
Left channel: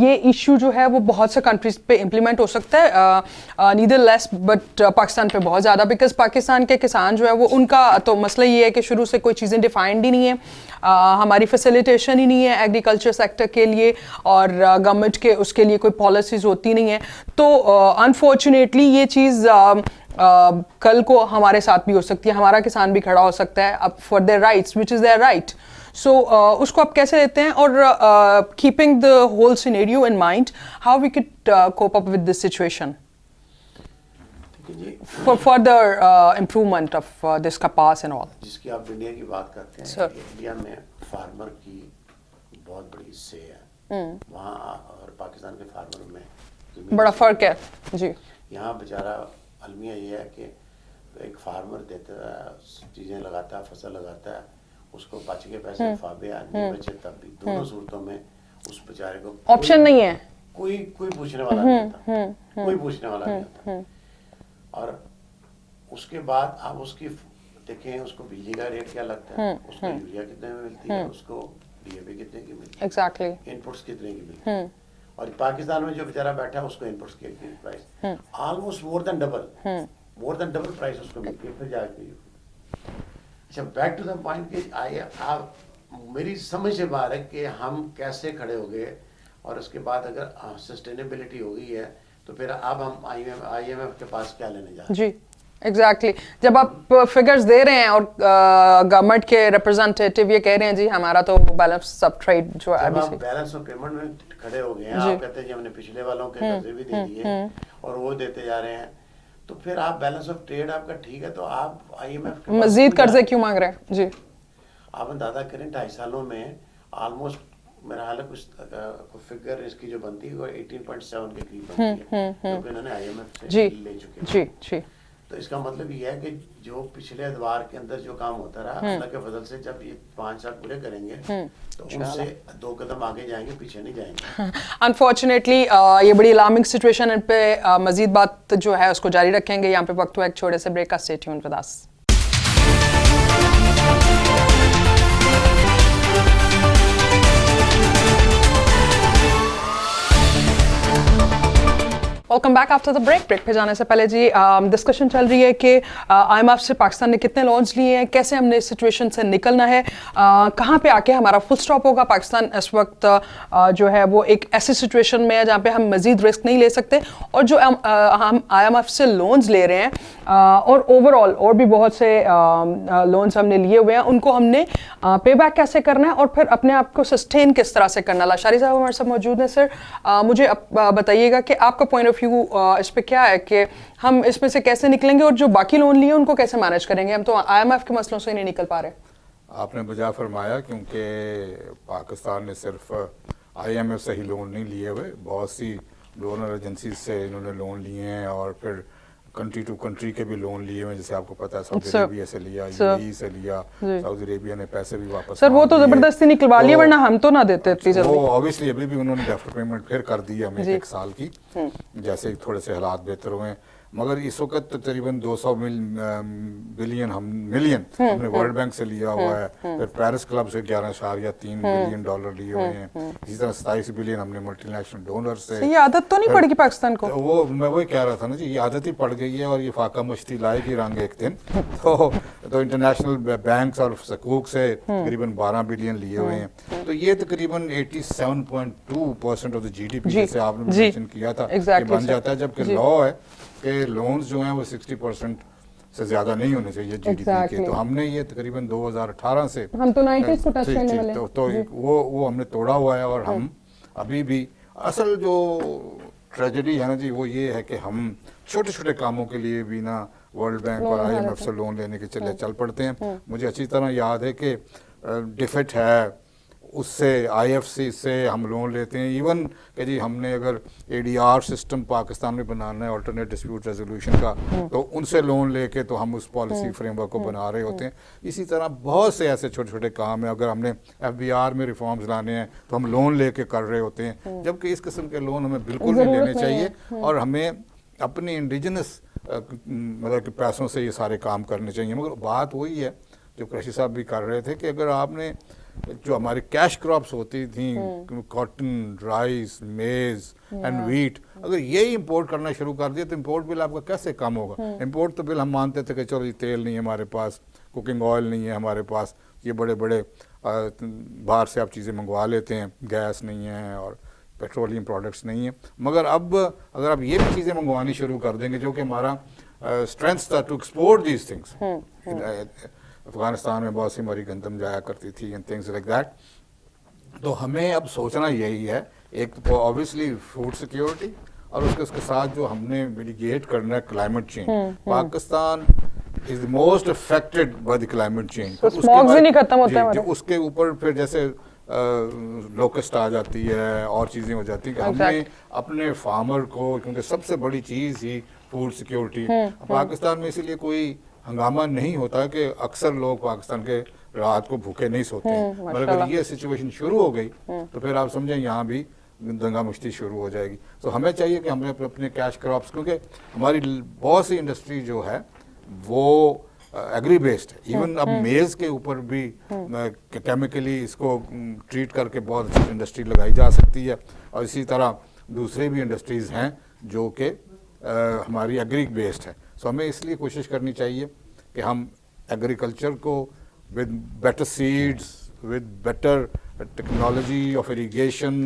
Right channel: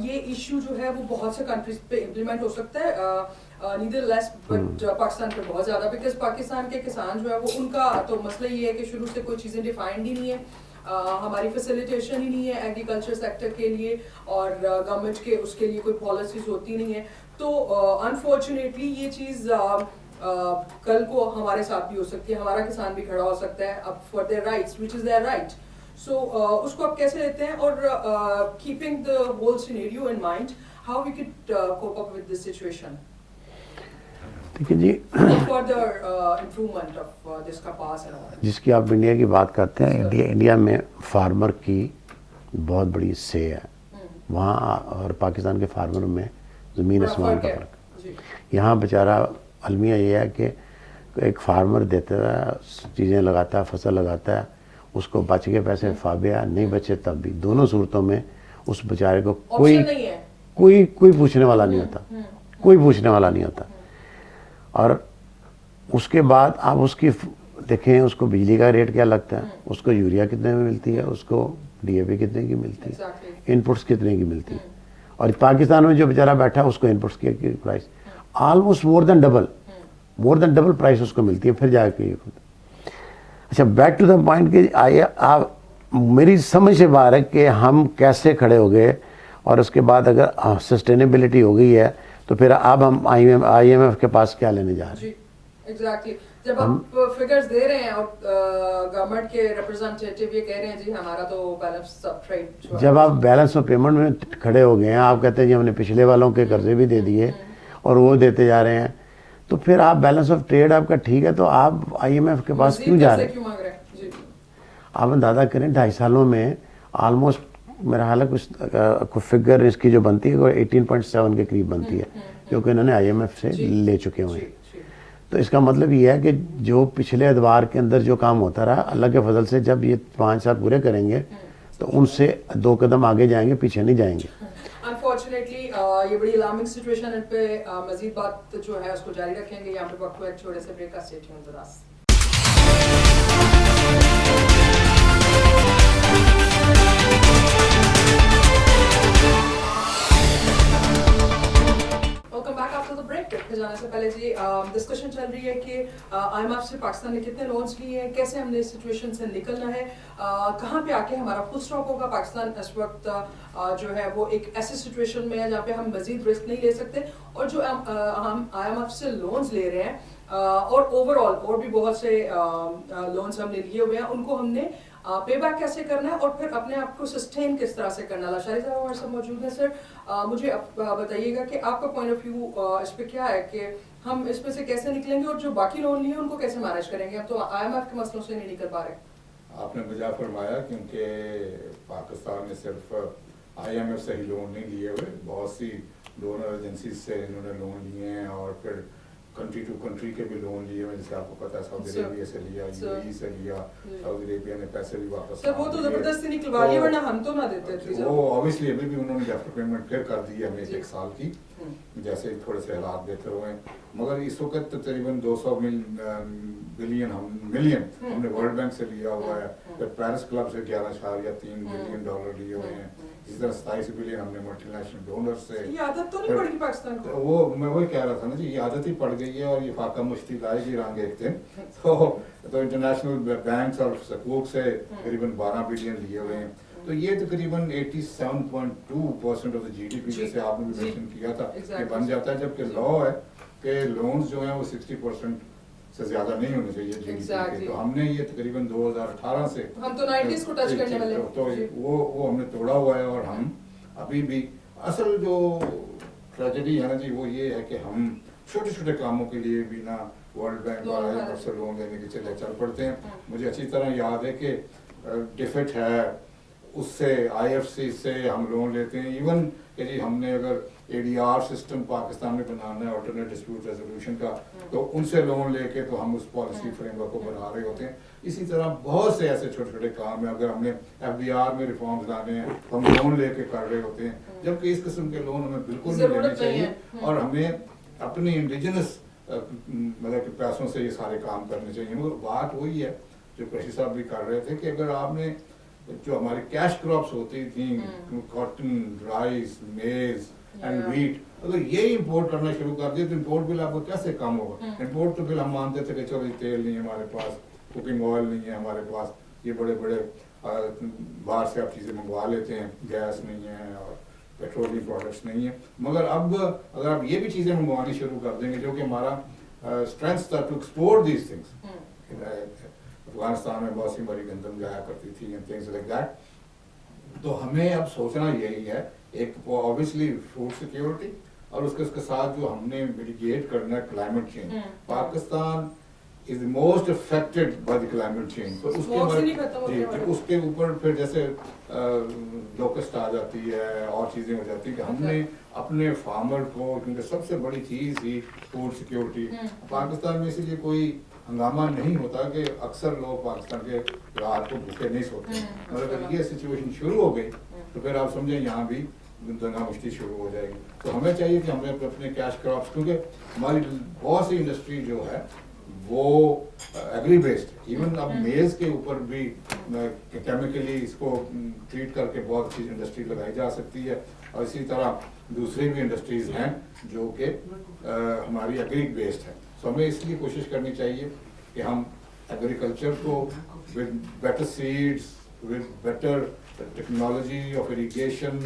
یہ ایشو جو ہے وہ بہت سے کنٹریز پہ امپلیمنٹ ہو سکتا ہے, نیدر لیس بٹ پاکستان پہ بہت زیادہ, بیکاز پاکستان کے کسان جو ہے وہ ان کا تو مسئلہ یہ ہے کہ شروع سے کوئی چیزیں ڈیفائنڈ ہی نہیں ہے, ہماری فیسیلیٹیشن ہی نہیں ہے ایگریکلچر سیکٹر کے لیے, اور گورنمنٹ کے اس کے لیے کوئی پالیسیز ہوتی نہیں ہیں. تو انفارچونیٹلی یہ چیز کل کو ہمارے ساتھ بھی ہو سکتی ہے, ہمارا کسان بھی کھڑا ہو سکتا ہے اب for their rights which is their right. So اس کو آپ کیسے لیتے ہیں, اور keeping the whole scenario in mind how we could cope up with this situation ٹھیک ہے جی, for further improvement of this kapas and all. جس کی آپ انڈیا کی بات کرتے ہیں, انڈیا میں فارمر کی بہت بڑی سے ہے وہاں, اور پاکستان کے فارمر میں زمین بڑا فرق ہے جی. یہاں بیچارہ المیہ یہ ہے کہ ایک فارمر دیتا ہے, چیزیں لگاتا ہے, فصل لگاتا ہے, اس کو بچ کے پیسے فابیا, نہیں بچے تب بھی, دونوں صورتوں میں اس بیچارے کو آپشن نہیں ہے, کوئی پوچھنے والا نہیں ہوتا, کوئی پوچھنے والا نہیں ہوتا. اور اس کے بعد آپ اس کی دیکھیں, اس کو بجلی کا ریٹ کیا لگتا ہے, اس کو یوریا کتنے میں ملتی ہے, اس کو DAP کتنے کی ملتی ہے, انپٹس کتنے کی ملتی ہے. اور پاکستان میں جو بیچارہ بیٹھا ہے اس کو انپٹس کی پرائس آلموسٹ مور دین ڈبل پرائس اس کو ملتی ہے. پھر جا کے اچھا بیک ٹو دا پوائنٹ کہ میری سمجھ سے باہر ہے کہ ہم کیسے کھڑے ہو گئے, اور اس کے بعد اگر سسٹینیبلٹی ہو گئی ہے تو پھر اب ہم IMF کے پاس کیا لینے جا رہے ہیں. جی ایگزیکٹلی. جب آپ فگرز دے رہے ہیں اور گورنمنٹ کے ریپرزنٹیٹیو یہ کہہ رہے ہیں جی ہمارا تو بیلنس آف ٹریڈ جو ہے, جب آپ بیلنس آف پیمنٹ میں کھڑے ہو گئے ہیں, آپ کہتے ہیں جی ہم نے پچھلے والوں کے قرضے بھی دے دیے اور وہ دیتے جا رہے ہیں, تو پھر آپ بیلنس آف ٹریڈ آپ کا ٹھیک ہے, تو آپ IMF کے پاس مزید قرضے کیوں مانگ رہے ہیں جی. آپ اندازہ کریں 2.5 سالوں میں آلموسٹ میرا حال ہے کچھ فگر اس کی جو بنتی ہے 18.7 کے قریب بنتی ہے, کیونکہ انہوں نے IMF سے لے چکے ہیں. تو اس کا مطلب یہ ہے کہ جو پچھلے ادوار کے اندر جو کام ہوتا رہا, اللہ کے فضل سے جب یہ 5 سال پورے کریں گے تو ان سے 2 قدم آگے جائیں گے, پیچھے نہیں جائیں گے. انفارچونیٹلی یہ بڑی الارمنگ سچویشن, ان پہ مزید بات جو ہے اس کو جاری رکھیں گے. یہاں پہ وقت ہوا ایک چھوٹے سے بریک کا, stay tuned with us. Welcome back after the break پہ جانے سے پہلے جی ڈسکشن چل رہی ہے کہ IMF سے پاکستان نے کتنے لونز لیے ہیں, کیسے ہم نے اس سچویشن سے نکلنا ہے, کہاں پہ آ کے ہمارا فل سٹاپ ہوگا. پاکستان اس وقت جو ہے وہ ایک ایسی سچویشن میں ہے جہاں پہ ہم مزید رسک نہیں لے سکتے, اور جو ہم IMF سے لونز لے رہے ہیں اور اوور آل اور بھی بہت سے لونز ہم نے لیے ہوئے ہیں, ان کو ہم نے پے بیک کیسے کرنا ہے اور پھر اپنے آپ کو سسٹین کس طرح سے کرنا. لاشاری صاحب ہمارے ساتھ موجود ہیں. سر مجھے بتائیے گا کہ آپ کا پوائنٹ آف ऑफ व्यू इस पे क्या है कि हम इसमें से कैसे निकलेंगे और जो बाकी लोन लिए उनको कैसे मैनेज करेंगे? हम तो IMF के मसलों से नहीं निकल पा रहे। आपने बजा फरमाया, क्योंकि पाकिस्तान ने सिर्फ IMF से ही लोन नहीं लिए हुए, बहुत सी डोनर एजेंसी से इन्होंने लोन लिए हैं और फिर कंट्री टू कंट्री के भी लोन लिए हुए, जैसे आपको पता है सऊदी अरेबिया से लिया, UAE से लिया, सऊदी अरेबिया ने पैसे भी वापस सर वो तो जबरदस्ती निकलवा लिए, वरना हम तो ना देते इतनी जल्दी। वो ऑब्वियसली अभी भी उन्होंने डेफर पेमेंट फिर कर दी हमें 1 साल की, जैसे ही थोड़े से हालात बेहतर हुए। मगर इस वक्त तकरीबन 200 मिलियन हमने वर्ल्ड बैंक से लिया हुआ है, फिर पेरिस क्लब से 11.3 बिलियन डॉलर लिए हुए हैं, इसी तरह 27 बिलियन हमने मल्टीनेशनल डोनर से। ये आदत तो नहीं पड़ेगी पाकिस्तान को? वो मैं वही कह रहा था ना जी, ये आदत ही पड़ गई है और ये फाका मस्ती लाएगी रंग एक दिन। तो इंटरनेशनल बैंक्स और सकूक से तकरीबन 12 बिलियन लिए हुए हैं, तो ये तकरीबन 87.2% ऑफ द GDP जैसे आपने मेंशन किया था बन जाता है, जबकि लॉ है कि लोन्स जो हैं वो 60% से ज्यादा नहीं होने चाहिए GDP के। तो हमने ये तकरीबन 2018 से हम तो 90s को टच करने वाले, तो वो हमने तोड़ा हुआ है। और हम अभी भी असल जो ट्रेजेडी है ना जी, वो ये है कि हम छोटे छोटे कामों के लिए भी ना वर्ल्ड बैंक और IMF से लोन लेने के चल पड़ते हैं। मुझे अच्छी तरह याद है कि डिफिट है, उससे IFC से हम लोन लेते हैं। इवन कि जी हमने अगर ADR सिस्टम पाकिस्तान में बनाना है, अल्टरनेट डिस्प्यूट रेजोल्यूशन का, तो उनसे लोन लेके तो हम उस पॉलिसी फ्रेमवर्क को बना रहे होते हैं। इसी तरह बहुत से ऐसे छोटे छोटे काम है, अगर हमने FBR में रिफॉर्म्स लाने हैं तो हम लोन लेके कर रहे होते हैं, जबकि इस किस्म के लोन हमें बिल्कुल नहीं लेने चाहिए और हमें अपनी इंडिजिनस मतलब कि पैसों से ये सारे काम करने चाहिए। मगर बात वही है जो कृषि साहब भी कर रहे थे कि अगर आपने जो हमारी कैश क्रॉप्स होती थी, कॉटन, राइस, मेज एंड व्हीट, अगर ये इंपोर्ट करना शुरू कर दिया तो इंपोर्ट बिल आपका कैसे कम होगा? इंपोर्ट तो बिल हम मानते थे कि चलो तेल नहीं है हमारे पास, कुकिंग ऑयल नहीं है हमारे पास, ये बड़े बड़े बाहर से आप चीज़ें मंगवा लेते हैं, गैस नहीं है और पेट्रोलियम प्रोडक्ट्स नहीं है। मगर अब अगर आप ये भी चीज़ें मंगवानी शुरू कर देंगे, जो कि हमारा स्ट्रेंथ था to export these things, Afghanistan में बहुत सी हमारी गंदम जाया करती थी एंड थिंग्स लाइक दैट, तो हमें अब सोचना यही है, एक तो ऑब्वियसली फूड सिक्योरिटी और उसके साथ जो हमने मिटिगेट करना है climate change. Pakistan is the most affected by the climate change, smog भी नहीं खत्म होता है। उसके ऊपर फिर जैसे लोकस्ट आ जाती है और चीज़ें हो जाती हैं कि हमने अपने फार्मर को, क्योंकि सबसे बड़ी चीज़ ही फूड सिक्योरिटी, पाकिस्तान में इसीलिए कोई हंगामा नहीं होता कि अक्सर लोग पाकिस्तान के रात को भूखे नहीं सोते। मगर अगर ये सिचुएशन शुरू हो गई तो फिर आप समझें यहाँ भी दंगा मुश्ती शुरू हो जाएगी। तो हमें चाहिए कि हमें अपने कैश क्रॉप्स, क्योंकि हमारी बहुत सी इंडस्ट्री जो है वो एग्री बेस्ड है। इवन अब मेज़ के ऊपर भी केमिकली इसको ट्रीट करके बहुत अच्छी इंडस्ट्री लगाई जा सकती है, और इसी तरह दूसरी भी इंडस्ट्रीज़ हैं जो कि हमारी एग्री बेस्ड है। सो हमें इसलिए कोशिश करनी चाहिए कि हम एग्रीकल्चर को with better seeds, with better technology of irrigation,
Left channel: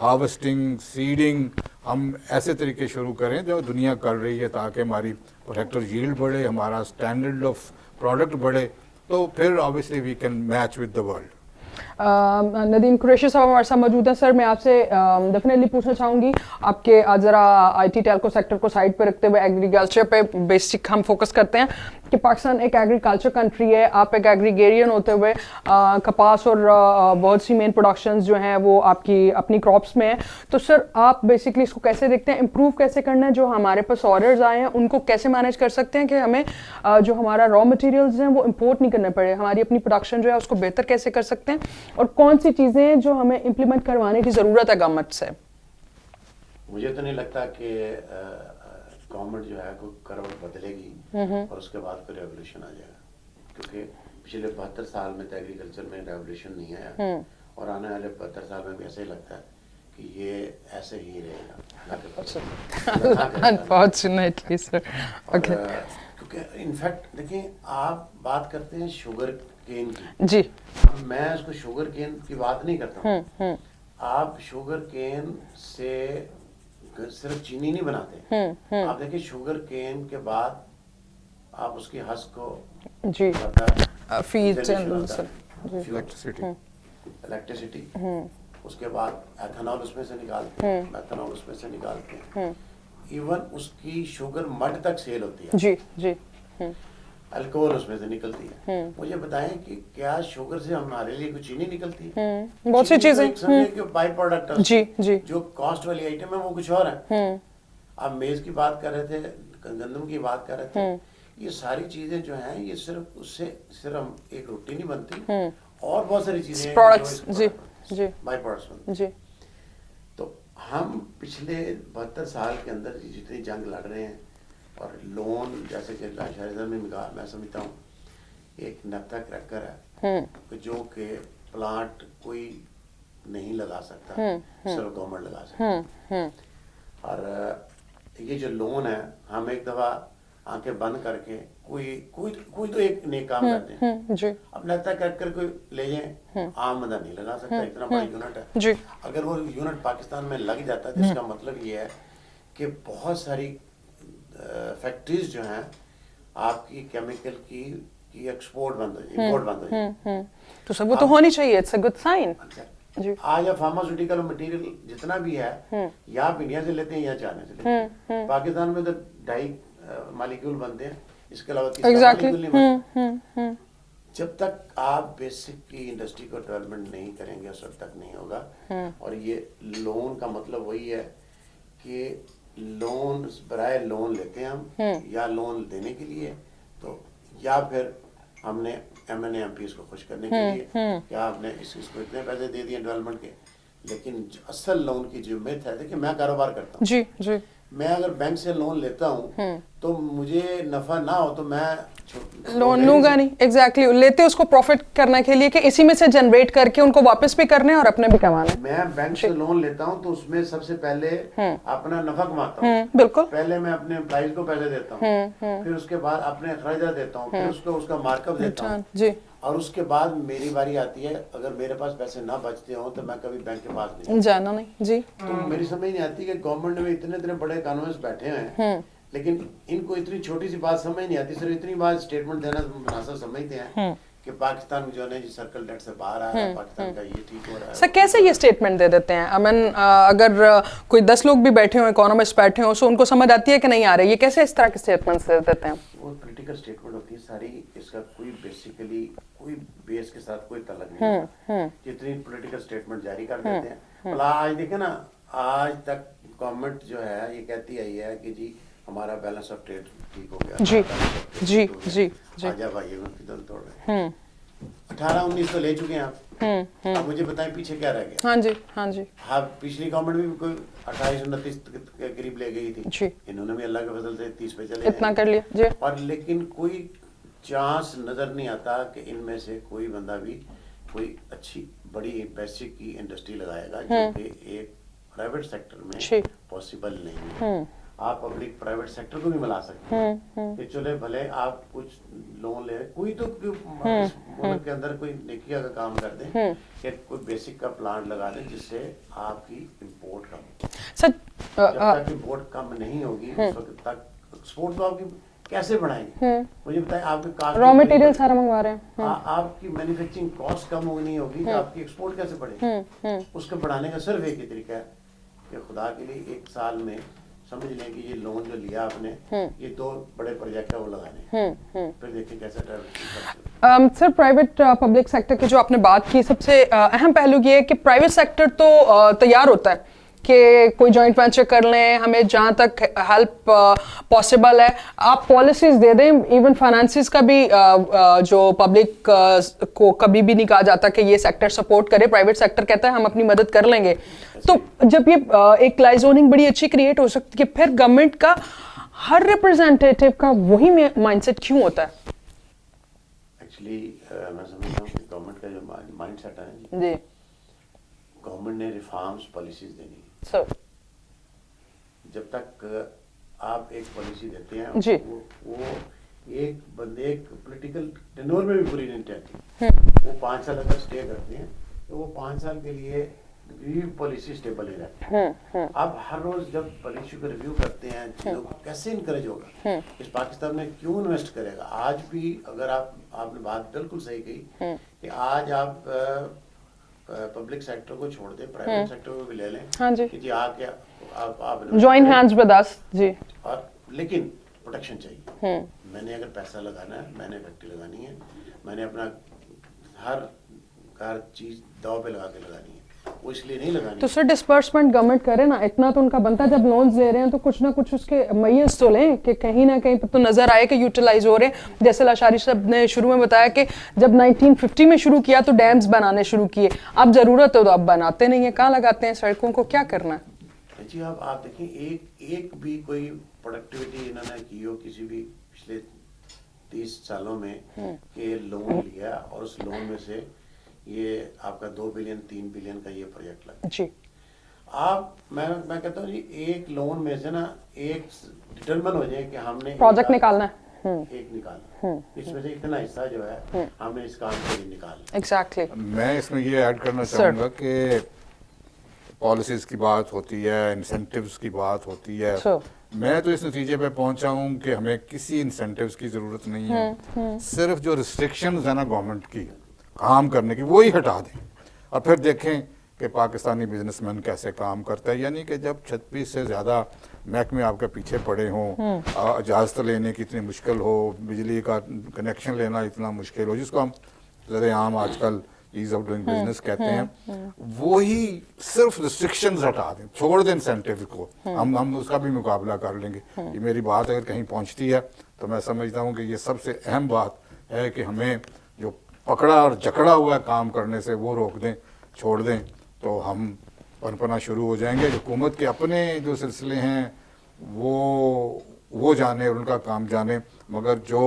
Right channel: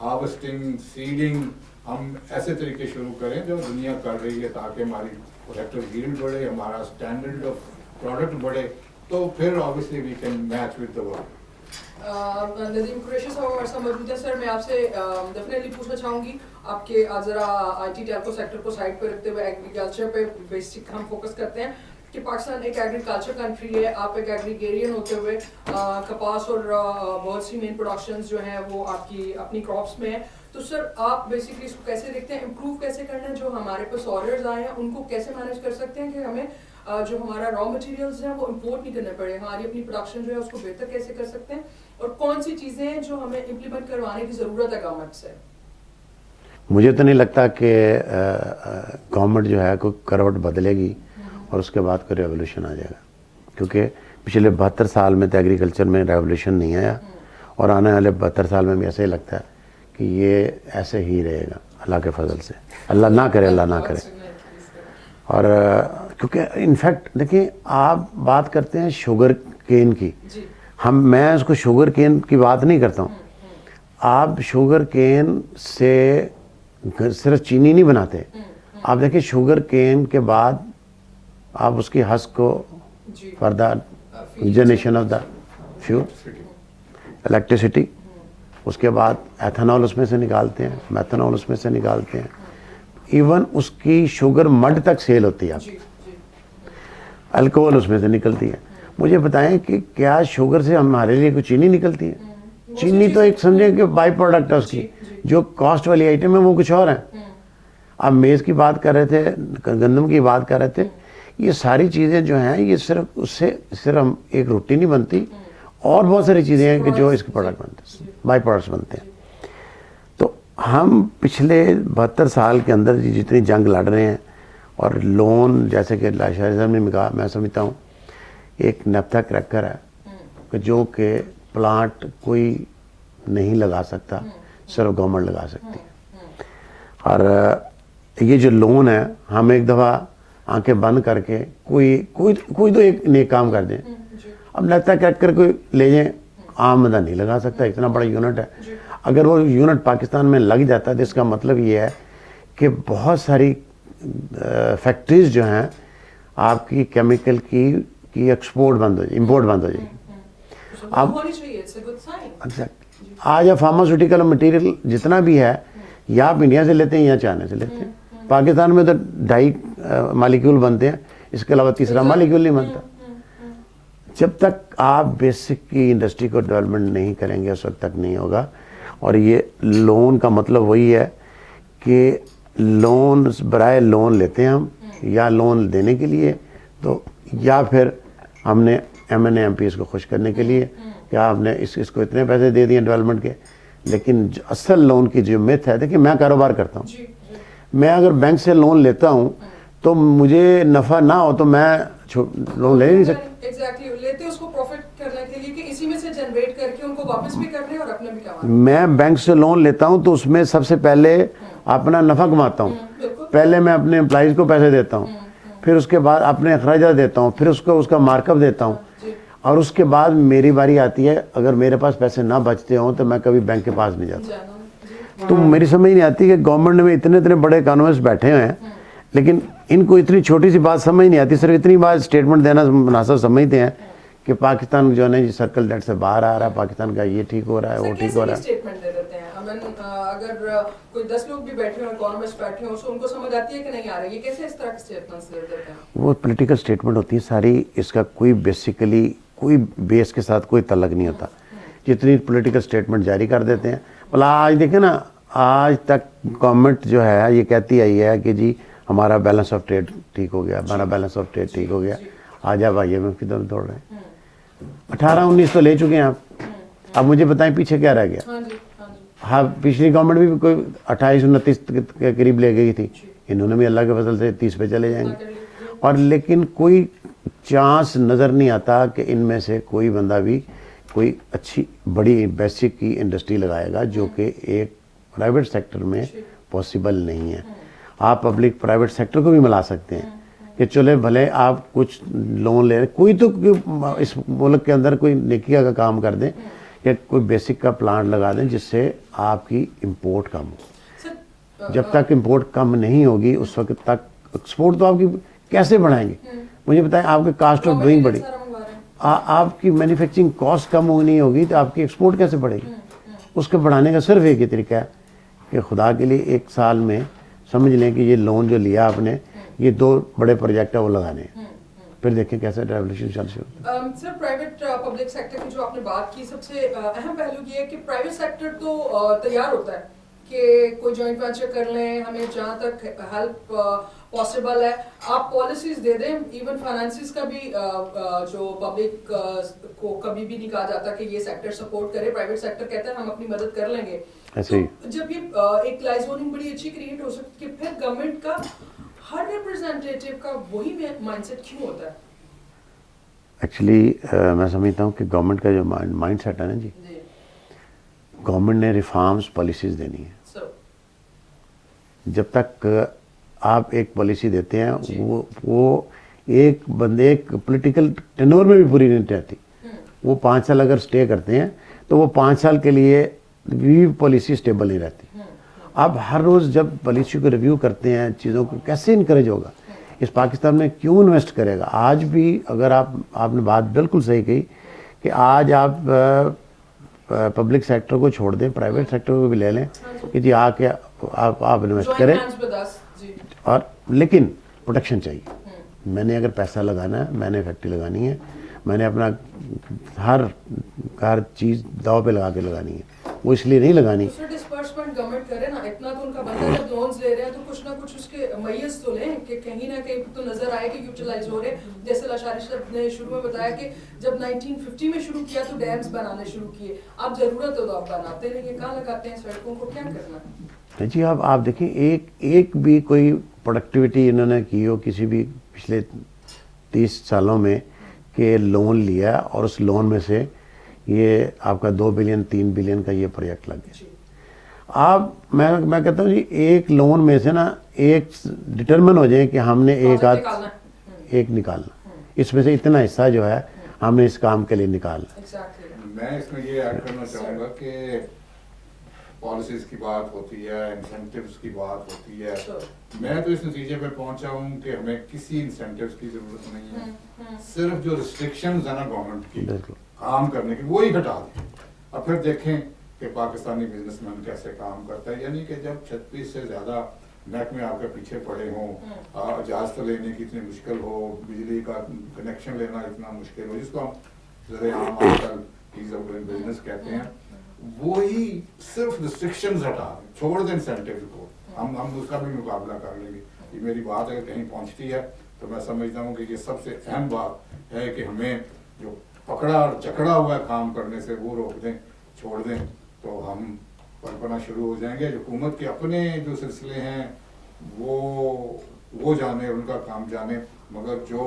harvesting, seeding, हम ऐसे तरीके शुरू करें जो दुनिया कर रही है, ताकि हमारी प्रोडक्टिव यील्ड बढ़े, हमारा स्टैंडर्ड ऑफ प्रोडक्ट बढ़े, तो फिर obviously we can match with the world. Nadeem Qureshi साहब हमारे साथ मौजूद हैं। सर मैं आपसे डेफिनेटली पूछना चाहूँगी, आपके ज़रा IT टेलको सेक्टर को साइड पे रखते हुए एग्रीकल्चर पे बेसिक हम फोकस करते हैं कि पाकिस्तान एक एग्रीकल्चर कंट्री है, आप एक एग्रीगेरियन होते हुए कपास और बहुत सी मेन प्रोडक्शंस जो हैं वो आपकी अपनी क्रॉप्स में है। तो सर आप बेसिकली इसको कैसे देखते हैं, इम्प्रूव कैसे करना है, जो हमारे पास ऑर्डर्स आए हैं उनको कैसे मैनेज कर सकते हैं कि हमें जो हमारा रॉ मटेरियल्स हैं वो इम्पोर्ट नहीं करने पड़े, हमारी अपनी प्रोडक्शन जो है उसको बेहतर कैसे कर सकते हैं, और कौन सी चीज़ें हैं जो हमें इम्प्लीमेंट करवाने की ज़रूरत है गवर्नमेंट से? मुझे तो नहीं लगता कि गवर्नमेंट जो है कोई करवट बदलेगी और उसके बाद कोई रेवोल्यूशन आ जाएगा, क्योंकि पिछले 72 साल में तो एग्रीकल्चर में रेवोल्यूशन नहीं आया, और आने वाले 72 साल में भी ऐसा ही लगता है कि ये ऐसे ही रहेगा अल्लाह के फजल से। अल्लाह ना करे, अल्लाह ना करे। और क्योंकि इनफैक्ट देखिए, आप बात करते हैं शुगर केन की जी, मैं उसको शुगर केन की बात नहीं करता हूँ। आप शुगर केन से सिर्फ चीनी नहीं बनाते, आप देखिए शुगर केन के बाद आप उसकी हस्क को generation of the fuel, electricity, उसके बाद एथेनॉल उसमें से निकालते हैं, मेथनॉल उसमें से निकालते हैं, ایون اس کی شوگر مڈ تک سیل ہوتی ہے, جی جی الکوہول اس میں سے نکلتی ہے. مجھے بتائیں کہ کیا شوگر سے ہمارے لیے کوئی چینی نکلتی ہے؟ بہت سی چینی تو چیزیں ایک سمجھے کہ بائی پروڈکٹ ہے اس جی کی. جی جو کاسٹ والی آئٹم ہے وہ کچھ اور ہے. آپ میز کی بات کر رہے تھے, گندم کی بات کر رہے تھے, یہ ساری چیزیں جو ہیں یہ صرف اس سے صرف ایک روٹی نہیں بنتی, اور بہت ساری چیزیں ہیں کہ جو اس کے پروڈکٹ بنتے ہیں, بائی پروڈکٹس بنتے ہیں. تو ہم پچھلے 72 سال کے اندر جتنی جنگ لڑ رہے ہیں, اور لون جیسے کہ شاہد صاحب نے کہا, میں سمجھتا ہوں ایک نیپتھا کریکر ہے کہ جو کہ پلانٹ کوئی نہیں لگا سکتا, صرف گورنمنٹ لگا سکتی. اور یہ جو لون ہے, ہم ایک دفعہ آنکھیں بند کر کے کوئی تو ایک نیک کام کر دیں. اب نیپتھا کریکر کوئی لے جائیں, عام بندہ نہیں لگا سکتا, اتنا بڑا یونٹ ہے. اگر وہ یونٹ پاکستان میں لگ جاتا ہے تو اس کا مطلب یہ ہے کہ بہت ساری فیکٹریز جو ہیں آپ کی کیمیکل کی ایکسپورٹ بند ہو جائے, امپورٹ بند ہو جائے. تو سب وہ تو ہونی چاہیے, اٹس اے گڈ سائن. آج فارماسیوٹیکل مٹیریل جتنا بھی ہے یا آپ انڈیا سے لیتے ہیں یا چائنا سے لیتے ہیں. پاکستان میں تو 2.5 مالیکیول بنتے ہیں, اس کے علاوہ تیسرا مالیکیول نہیں بنتا. جب تک آپ بیسک کی انڈسٹری کو ڈیولپمنٹ نہیں کریں گے اس وقت تک نہیں ہوگا. اور یہ لون کا مطلب وہی ہے کہ لون برائے لون لیتے ہیں ہم, یا لون دینے کے لیے, تو یا پھر ہم نے M N A M Ps کو خوش کرنے کے لیے کہ آپ نے اس کو اتنے پیسے دے دیے ڈیولپمنٹ کے. لیکن اصل لون کی جو میتھ ہے, دیکھیں میں کاروبار کرتا ہوں, جی جی, میں اگر بینک سے لون لیتا ہوں تو مجھے نفع نہ ہو تو میں لون لوں گا نہیں. ایگزیکٹلی, لیتے اس کو پروفٹ کرنے کے لیے کہ اسی میں سے جنریٹ کر کے ان کو واپس بھی کرنے اور اپنے بھی کمانا. میں بینک سے لون لیتا ہوں تو اس میں سب سے پہلے اپنا نفع کماتا ہوں. بالکل, پہلے میں اپنے امپلائیز کو پیسے دیتا ہوں, پھر اس کے بعد اپنے اخراجات دیتا ہوں, پھر اس کا مارک اپ دیتا ہوں. جی, اور اس کے بعد میری باری آتی ہے, اگر میرے پاس پیسے نہ بچتے ہوں تو میں کبھی بینک کے پاس نہیں جانا نہیں. جی, تو میری سمجھ نہیں آتی کہ گورنمنٹ میں اتنے بڑے اکانومسٹ بیٹھے ہوئے ہیں, لیکن ان کو اتنی چھوٹی سی بات سمجھ نہیں آتی. صرف اتنی بات اسٹیٹمنٹ دینا مناسب سمجھتے ہیں کہ پاکستان جو ہے نا جی سرکل ڈیٹ سے باہر آ رہا ہے, پاکستان کا یہ ٹھیک ہو رہا ہے. سر کیسے یہ اسٹیٹمنٹ دے دیتے ہیں؟ اگر کوئی 10 لوگ بھی بیٹھے ہوں, اکانومسٹ بیٹھے ہوں, سو ان کو سمجھ آتی ہے کہ نہیں آ رہی, یہ کیسے اس طرح کے اسٹیٹمنٹ دے دیتے ہیں؟ وہ پولیٹیکل اسٹیٹمنٹ ہوتی ہے ساری, اس کا کوئی بیسیکلی کوئی بیس کے ساتھ کوئی تعلق نہیں ہوتا. جتنی پولیٹیکل اسٹیٹمنٹ جاری کر دیتے ہیں. آج دیکھیں نا, آج تک گورنمنٹ جو ہے یہ کہتی آئی ہے کہ جی ہمارا بیلنس آف ٹریڈ ٹھیک ہو گیا, ہمارا بیلنس آف ٹریڈ ٹھیک ہو گیا. آج آپ آئیے میں کدھر دوڑ رہے ہیں, 18-19 تو لے چکے ہیں آپ. اب مجھے بتائیں پیچھے کیا رہ گیا؟ ہاں جی, ہاں جی, ہاں پچھلی گورنمنٹ بھی کوئی 28-29 کے قریب لے گئی تھی, انہوں نے بھی اللہ کے فضل سے 30 پہ چلے جائیں. اور لیکن کوئی چانس نظر نہیں آتا کہ ان میں سے کوئی بندہ بھی کوئی اچھی بڑی بیسک کی انڈسٹری لگائے گا, جو کہ ایک پرائیویٹ سیکٹر میں پاسبل نہیں ہے. آپ پبلک پرائیویٹ سیکٹر کو بھی ملا سکتے ہیں کہ چلے بھلے آپ کچھ لون لے رہے, کوئی تو اس ملک کے اندر کوئی نیکی کا کام کر دیں کہ کوئی بیسک کا پلانٹ لگا دیں جس سے آپ کی امپورٹ کم ہو. جب تک امپورٹ کم نہیں ہوگی اس وقت تک ایکسپورٹ تو آپ کی کیسے بڑھائیں گے؟ مجھے بتائیں, آپ کی کاسٹ آف ڈوئنگ بڑھے, آپ کی مینوفیکچرنگ کاسٹ کم نہیں ہوگی تو آپ کی ایکسپورٹ کیسے بڑھے گی؟ اس کو بڑھانے کا صرف ایک ہی طریقہ ہے کہ خدا کے لیے ایک سال میں سمجھ لیں کہ یہ لون جو لیا آپ نے, یہ 2 بڑے پروجیکٹ ہے وہ لگانے, پھر دیکھیں کیسے ڈیولپمنٹ کرتے. سر پرائیویٹ پبلک سیکٹر کی جو آپ نے بات کی, سب سے اہم پہلو یہ ہے کہ پرائیویٹ سیکٹر تو تیار ہوتا ہے کہ کوئی جوائنٹ وینچر کر لیں, ہمیں جہاں تک ہیلپ پاسبل ہے آپ پالیسیز دے دیں. ایون فائنانسز کا بھی جو پبلک کو کبھی بھی نہیں کہا جاتا کہ یہ سیکٹر سپورٹ کرے, پرائیویٹ سیکٹر کہتا ہے ہم اپنی مدد کر لیں گے. تو جب یہ ایک لائزوننگ بڑی اچھی کریٹ ہو سکتی ہے, پھر گورنمنٹ کا ہر ریپرزینٹیٹیو کا وہی مائنڈ سیٹ کیوں ہوتا ہے؟ ایکچولی میں سمجھتا ہوں کہ گورنمنٹ کا جو مائنڈ سیٹ ہے نا جی, گورنمنٹ نے ریفارمز پالیسیز دینی ہے. جب تک آپ ایک پالیسی دیتے ہیں وہ ایک بندے ایک پولیٹیکل ٹینور میں بھی پوری نہیں رہتی. وہ 5 سال اگر سٹے کرتے ہیں تو وہ 5 سال کے لیے بھی پالیسی سٹیبل نہیں رہتی. آپ ہر روز جب پالیسی کو ریویو کرتے ہیں, چیزوں کو کیسے انکریج ہوگا, اس پاکستان میں کیوں انویسٹ کرے گا. آج بھی اگر آپ نے بات بالکل صحیح کہی کہ آج آپ پبلک سیکٹر کو چھوڑ دیں, پرائیویٹ سیکٹر کو بھی لے لیں کہ جی آ کے तो आप invest जॉइंट करें। हैंड्स विद अस जी। और लेकिन प्रोटेक्शन चाहिए। मैंने अगर पैसा लगाना है, मैंने फैक्ट्री लगानी है, मैंने अपना हर चीज़ दाव पे लगा के लगानी है, वो इसलिए नहीं लगानी। तो सर डिस्पर्समेंट गवर्नमेंट करे ना, इतना तो उनका बनता है। जब लोन्स ले रहे हैं तो कुछ ना कुछ उसके मैयस तो लें कि कहीं ना कहीं तो नजर आए कि यूटिलाइज हो रहे हैं। जैसे लाशारी साहब ने शुरू में बताया कि जब 1950 में शुरू किया तो डैम्स बनाने शुरू किए, अब जरूरत हो तो अब बनाते नहीं है, कहाँ लगाते हैं सड़कों को, क्या करना है? नहीं जी, अब आप देखिए एक भी कोई प्रोडक्टिविटी इन्होंने की हो किसी भी पिछले 30 सालों में कि लोन लिया और उस लोन में से ये आपका 2 बिलियन 3 बिलियन का ये प्रोजेक्ट लगा। जी आप मैं कहता हूँ जी, एक लोन में से ना एक डिटरमिन हो जाए कि हमने प्रोजेक्ट निकालना है। एक निकालना, इसमें से इतना हिस्सा जो है हमने इस काम के लिए निकालना। एग्जैक्टली। मैं इसमें ये ऐड करना चाहूँगा कि पॉलिसीज की बात होती है, इंसेंटिव्स की बात होती है। मैं तो इस नतीजे पे पहुंचा हूँ कि हमें किसी इंसेंटिव्स की जरूरत नहीं है। सिर्फ जो रिस्ट्रिक्शंस है ना गवर्नमेंट की काम करने की, वो ही हटा दें और फिर देखें कि पाकिस्तानी बिजनेसमैन कैसे काम करता है। यानी कि जब 36 से ज़्यादा महकमे आपके पीछे पड़े हों, इजाज़त लेने की इतनी मुश्किल हो, बिजली का कनेक्शन लेना इतना मुश्किल हो, जिसको हम ज़रेआम आजकल ईज ऑफ डूइंग बिजनेस कहते हैं, वो ही सिर्फ रिस्ट्रिक्शंस हटा दें, छोड़ दें इंसेंटिव को, हम उसका भी मुकाबला कर लेंगे। ये मेरी बात अगर कहीं पहुंचती है तो मैं समझता हूँ कि ये सबसे अहम बात है कि हमें जो पकड़ा और जकड़ा हुआ है काम करने से वो रोक दें, छोड़ दें, तो हम पनपना शुरू हो जाएंगे। हुकूमत के अपने जो सिलसिले हैं वो जाने और उनका काम जाने, मगर जो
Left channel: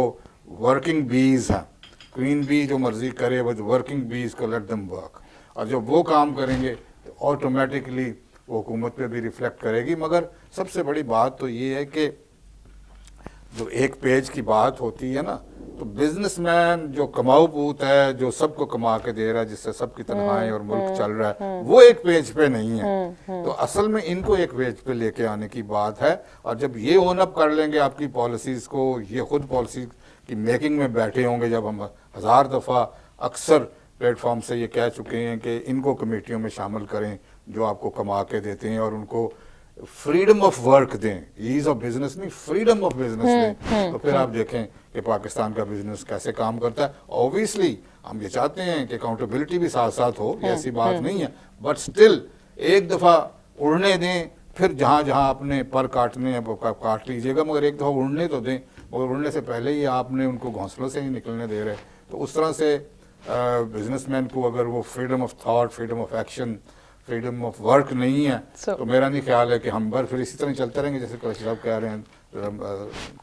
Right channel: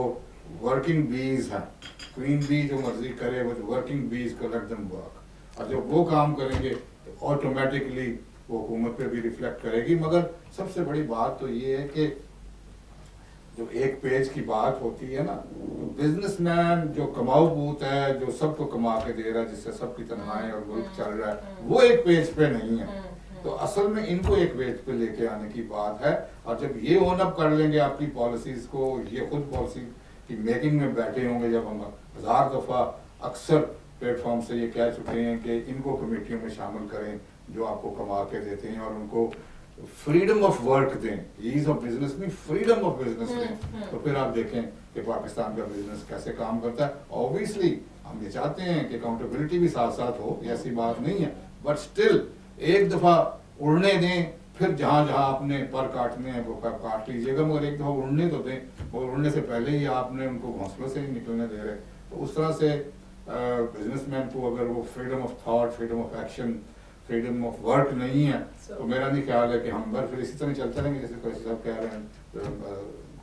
वर्किंग बीज हैं, क्वीन बी जो मर्जी करे, विद वर्किंग बीज को लेट देम वर्क, और जब वो काम करेंगे तो ऑटोमेटिकली वो हुकूमत पे भी रिफ्लेक्ट करेगी। मगर सबसे बड़ी बात तो ये है कि जो एक पेज की बात होती है ना, तो बिजनेसमैन जो कमाऊ पूत है, जो सबको कमा के दे रहा है, जिससे सबकी तनख्वाहें और मुल्क चल रहा है, वो एक पेज पे नहीं है। तो असल में इनको एक पेज पे लेके आने की बात है। और जब ये ओन अप कर लेंगे आपकी पॉलिसीज को, ये खुद पॉलिसी की मेकिंग में बैठे होंगे, जब हम 1000 दफ़ा अक्सर प्लेटफॉर्म से ये कह चुके हैं कि इनको कमेटियों में शामिल करें जो आपको कमा के देते हैं, और उनको फ्रीडम ऑफ वर्क दें, ईज ऑफ बिजनेस नहीं, फ्रीडम ऑफ बिजनेस दें, तो फिर आप देखें कि पाकिस्तान का बिजनेस कैसे काम करता है। ऑब्वियसली हम ये चाहते हैं कि अकाउंटेबिलिटी भी साथ साथ हो, ऐसी बात नहीं है, बट स्टिल एक दफ़ा उड़ने दें, फिर जहाँ जहाँ आपने पर काटने हैं वो काट लीजिएगा, मगर एक दफ़ा उड़ने तो दें, और उड़ने से पहले ही आपने उनको घोंसलों से ही निकलने दे रहे। तो उस तरह से बिजनेसमैन को अगर वो freedom of thought, freedom of action, freedom of work नहीं है, तो मेरा नहीं ख्याल है कि हम फिर इसी तरह चलते रहेंगे जैसे कुरैशी साहब कह रहे हैं,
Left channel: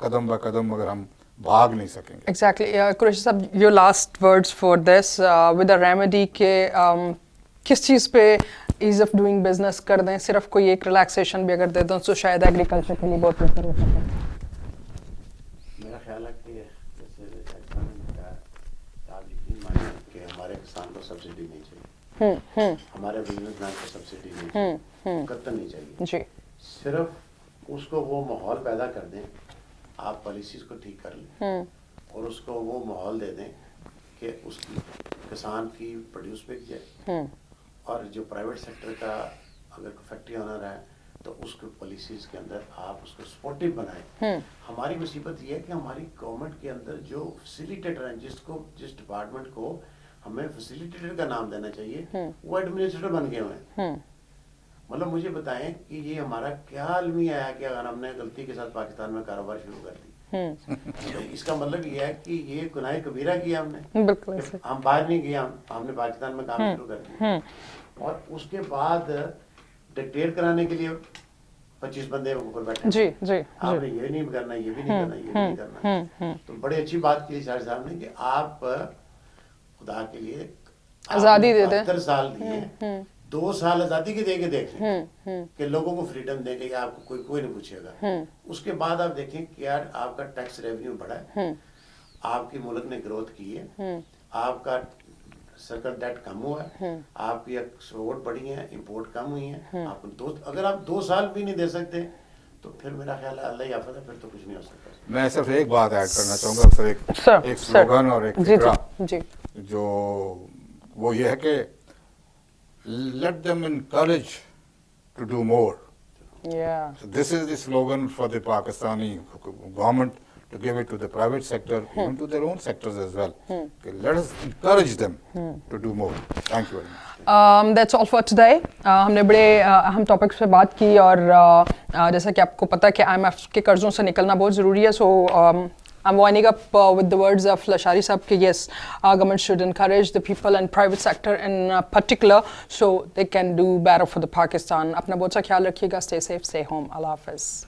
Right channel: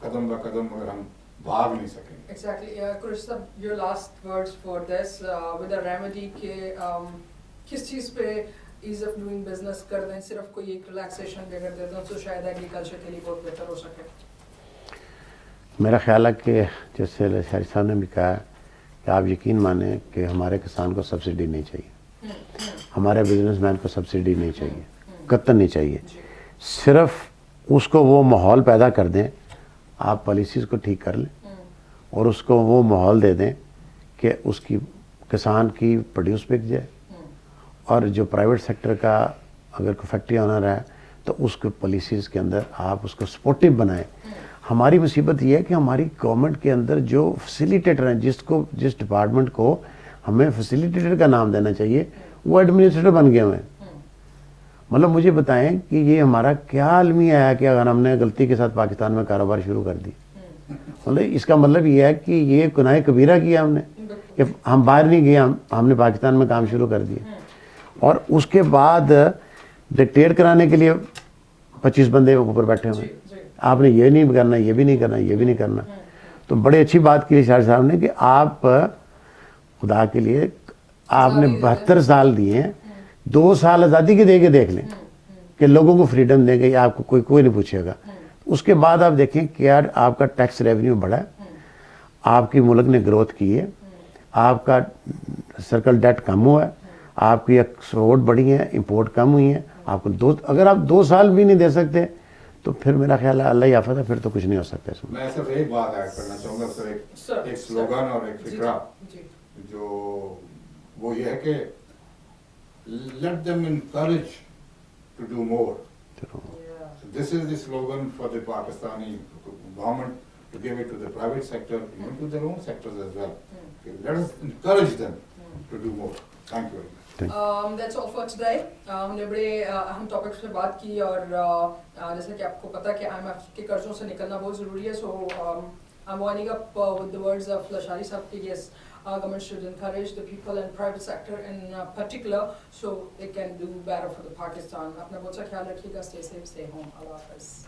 कदम ब कदम, मगर हम भाग नहीं सकेंगे। एग्जैक्टली। कुरैशी साहब, your last words for this with a remedy के किस चीज़ पे ईज ऑफ डूइंग बिजनेस कर दें, सिर्फ कोई एक रिलैक्सेशन भी अगर दे दें तो शायद एग्रीकल्चर के लिए बहुत बेहतर हो सके। मेरा ख्याल है कि जैसे लाशारी साहब ने भी कहा कि आप यकीन माने कि हमारे किसान को सब्सिडी नहीं चाहिए, हमारे बिजनेसमैन को सब्सिडी नहीं चाहिए, कतई नहीं चाहिए। सिर्फ उसको वो माहौल पैदा कर दें, आप पॉलिसीज़ को ठीक कर लें और उसको वो माहौल दे दें कि उसकी किसान की प्रोड्यूस बिक जाए, और जो प्राइवेट सेक्टर का अगर कोई फैक्ट्री ऑनर है तो उसको पॉलिसीज़ के अंदर आप उसको सपोर्टिव बनाएं। हमारी मुसीबत ये है कि हमारी गवर्नमेंट के अंदर जो फैसिलिटेटर हैं, जिस डिपार्टमेंट को हमें फैसिलिटेटर का नाम देना चाहिए, वो एडमिनिस्ट्रेटर बन गए हुए हैं। मतलब मुझे बताएं कि ये हमारा क्या अलमिया है कि अगर हमने गलती के साथ पाकिस्तान में कारोबार शुरू कर दी, मतलब इसका मतलब ये है कि ये गुनाह कबीरा किया हमने कि हम बाहर नहीं गए, हमने पाकिस्तान में काम शुरू कर दिया, और उसके बाद डिक्टेट कराने के लिए 25 बंदे ऊपर बैठे हुए, आपने ये नहीं करना, ये भी नहीं करना, ये भी नहीं करना। तो बड़ी अच्छी बात की शाह साहब ने कि आप खुदा के लिए आपने 72 साल दिए हैं, 2 साल आज़ादी के दे के देख लें कि लोगों को फ्रीडम देंगे, आपको कोई नहीं पूछेगा। उसके बाद आप देखें क्या आपका टैक्स रेवेन्यू बढ़ा है, आपकी मुल्क ने ग्रोथ की है, आपका सर्कल डेट कम हुआ है, आपकी एक्सपोर्ट बढ़ी है, इंपोर्ट कम हुई है। आपको अगर आप 2 साल भी नहीं दे सकते तो फिर मेरा ख्याल है अल्लाह ही आफत है, फिर तो कुछ नहीं हो सकता इसमें। मैं सिर्फ एक बात ऐड करना चाहूँगा सर, एक स्लोगन और एक फिक्रा, जो वो ये है कि let them encourage to do more, Yeah. So this is the slogan for the Pakistani government to give it to the private sector, even to their own sectors as well. Okay, let us encourage them to do more. Thank you very much. That's all for today. हमने बड़े अहम topics पे बात की और जैसा कि आपको पता है कि IMF के कर्जों से निकलना बहुत ज़रूरी है. So I'm winding up with the words of Lashari Sahab कि yes, our government should encourage the people and private sector in particular so they can do better for the Pakistan. अपना बहुत सा ख्याल रखिएगा. Stay safe, stay home. Allah Hafiz.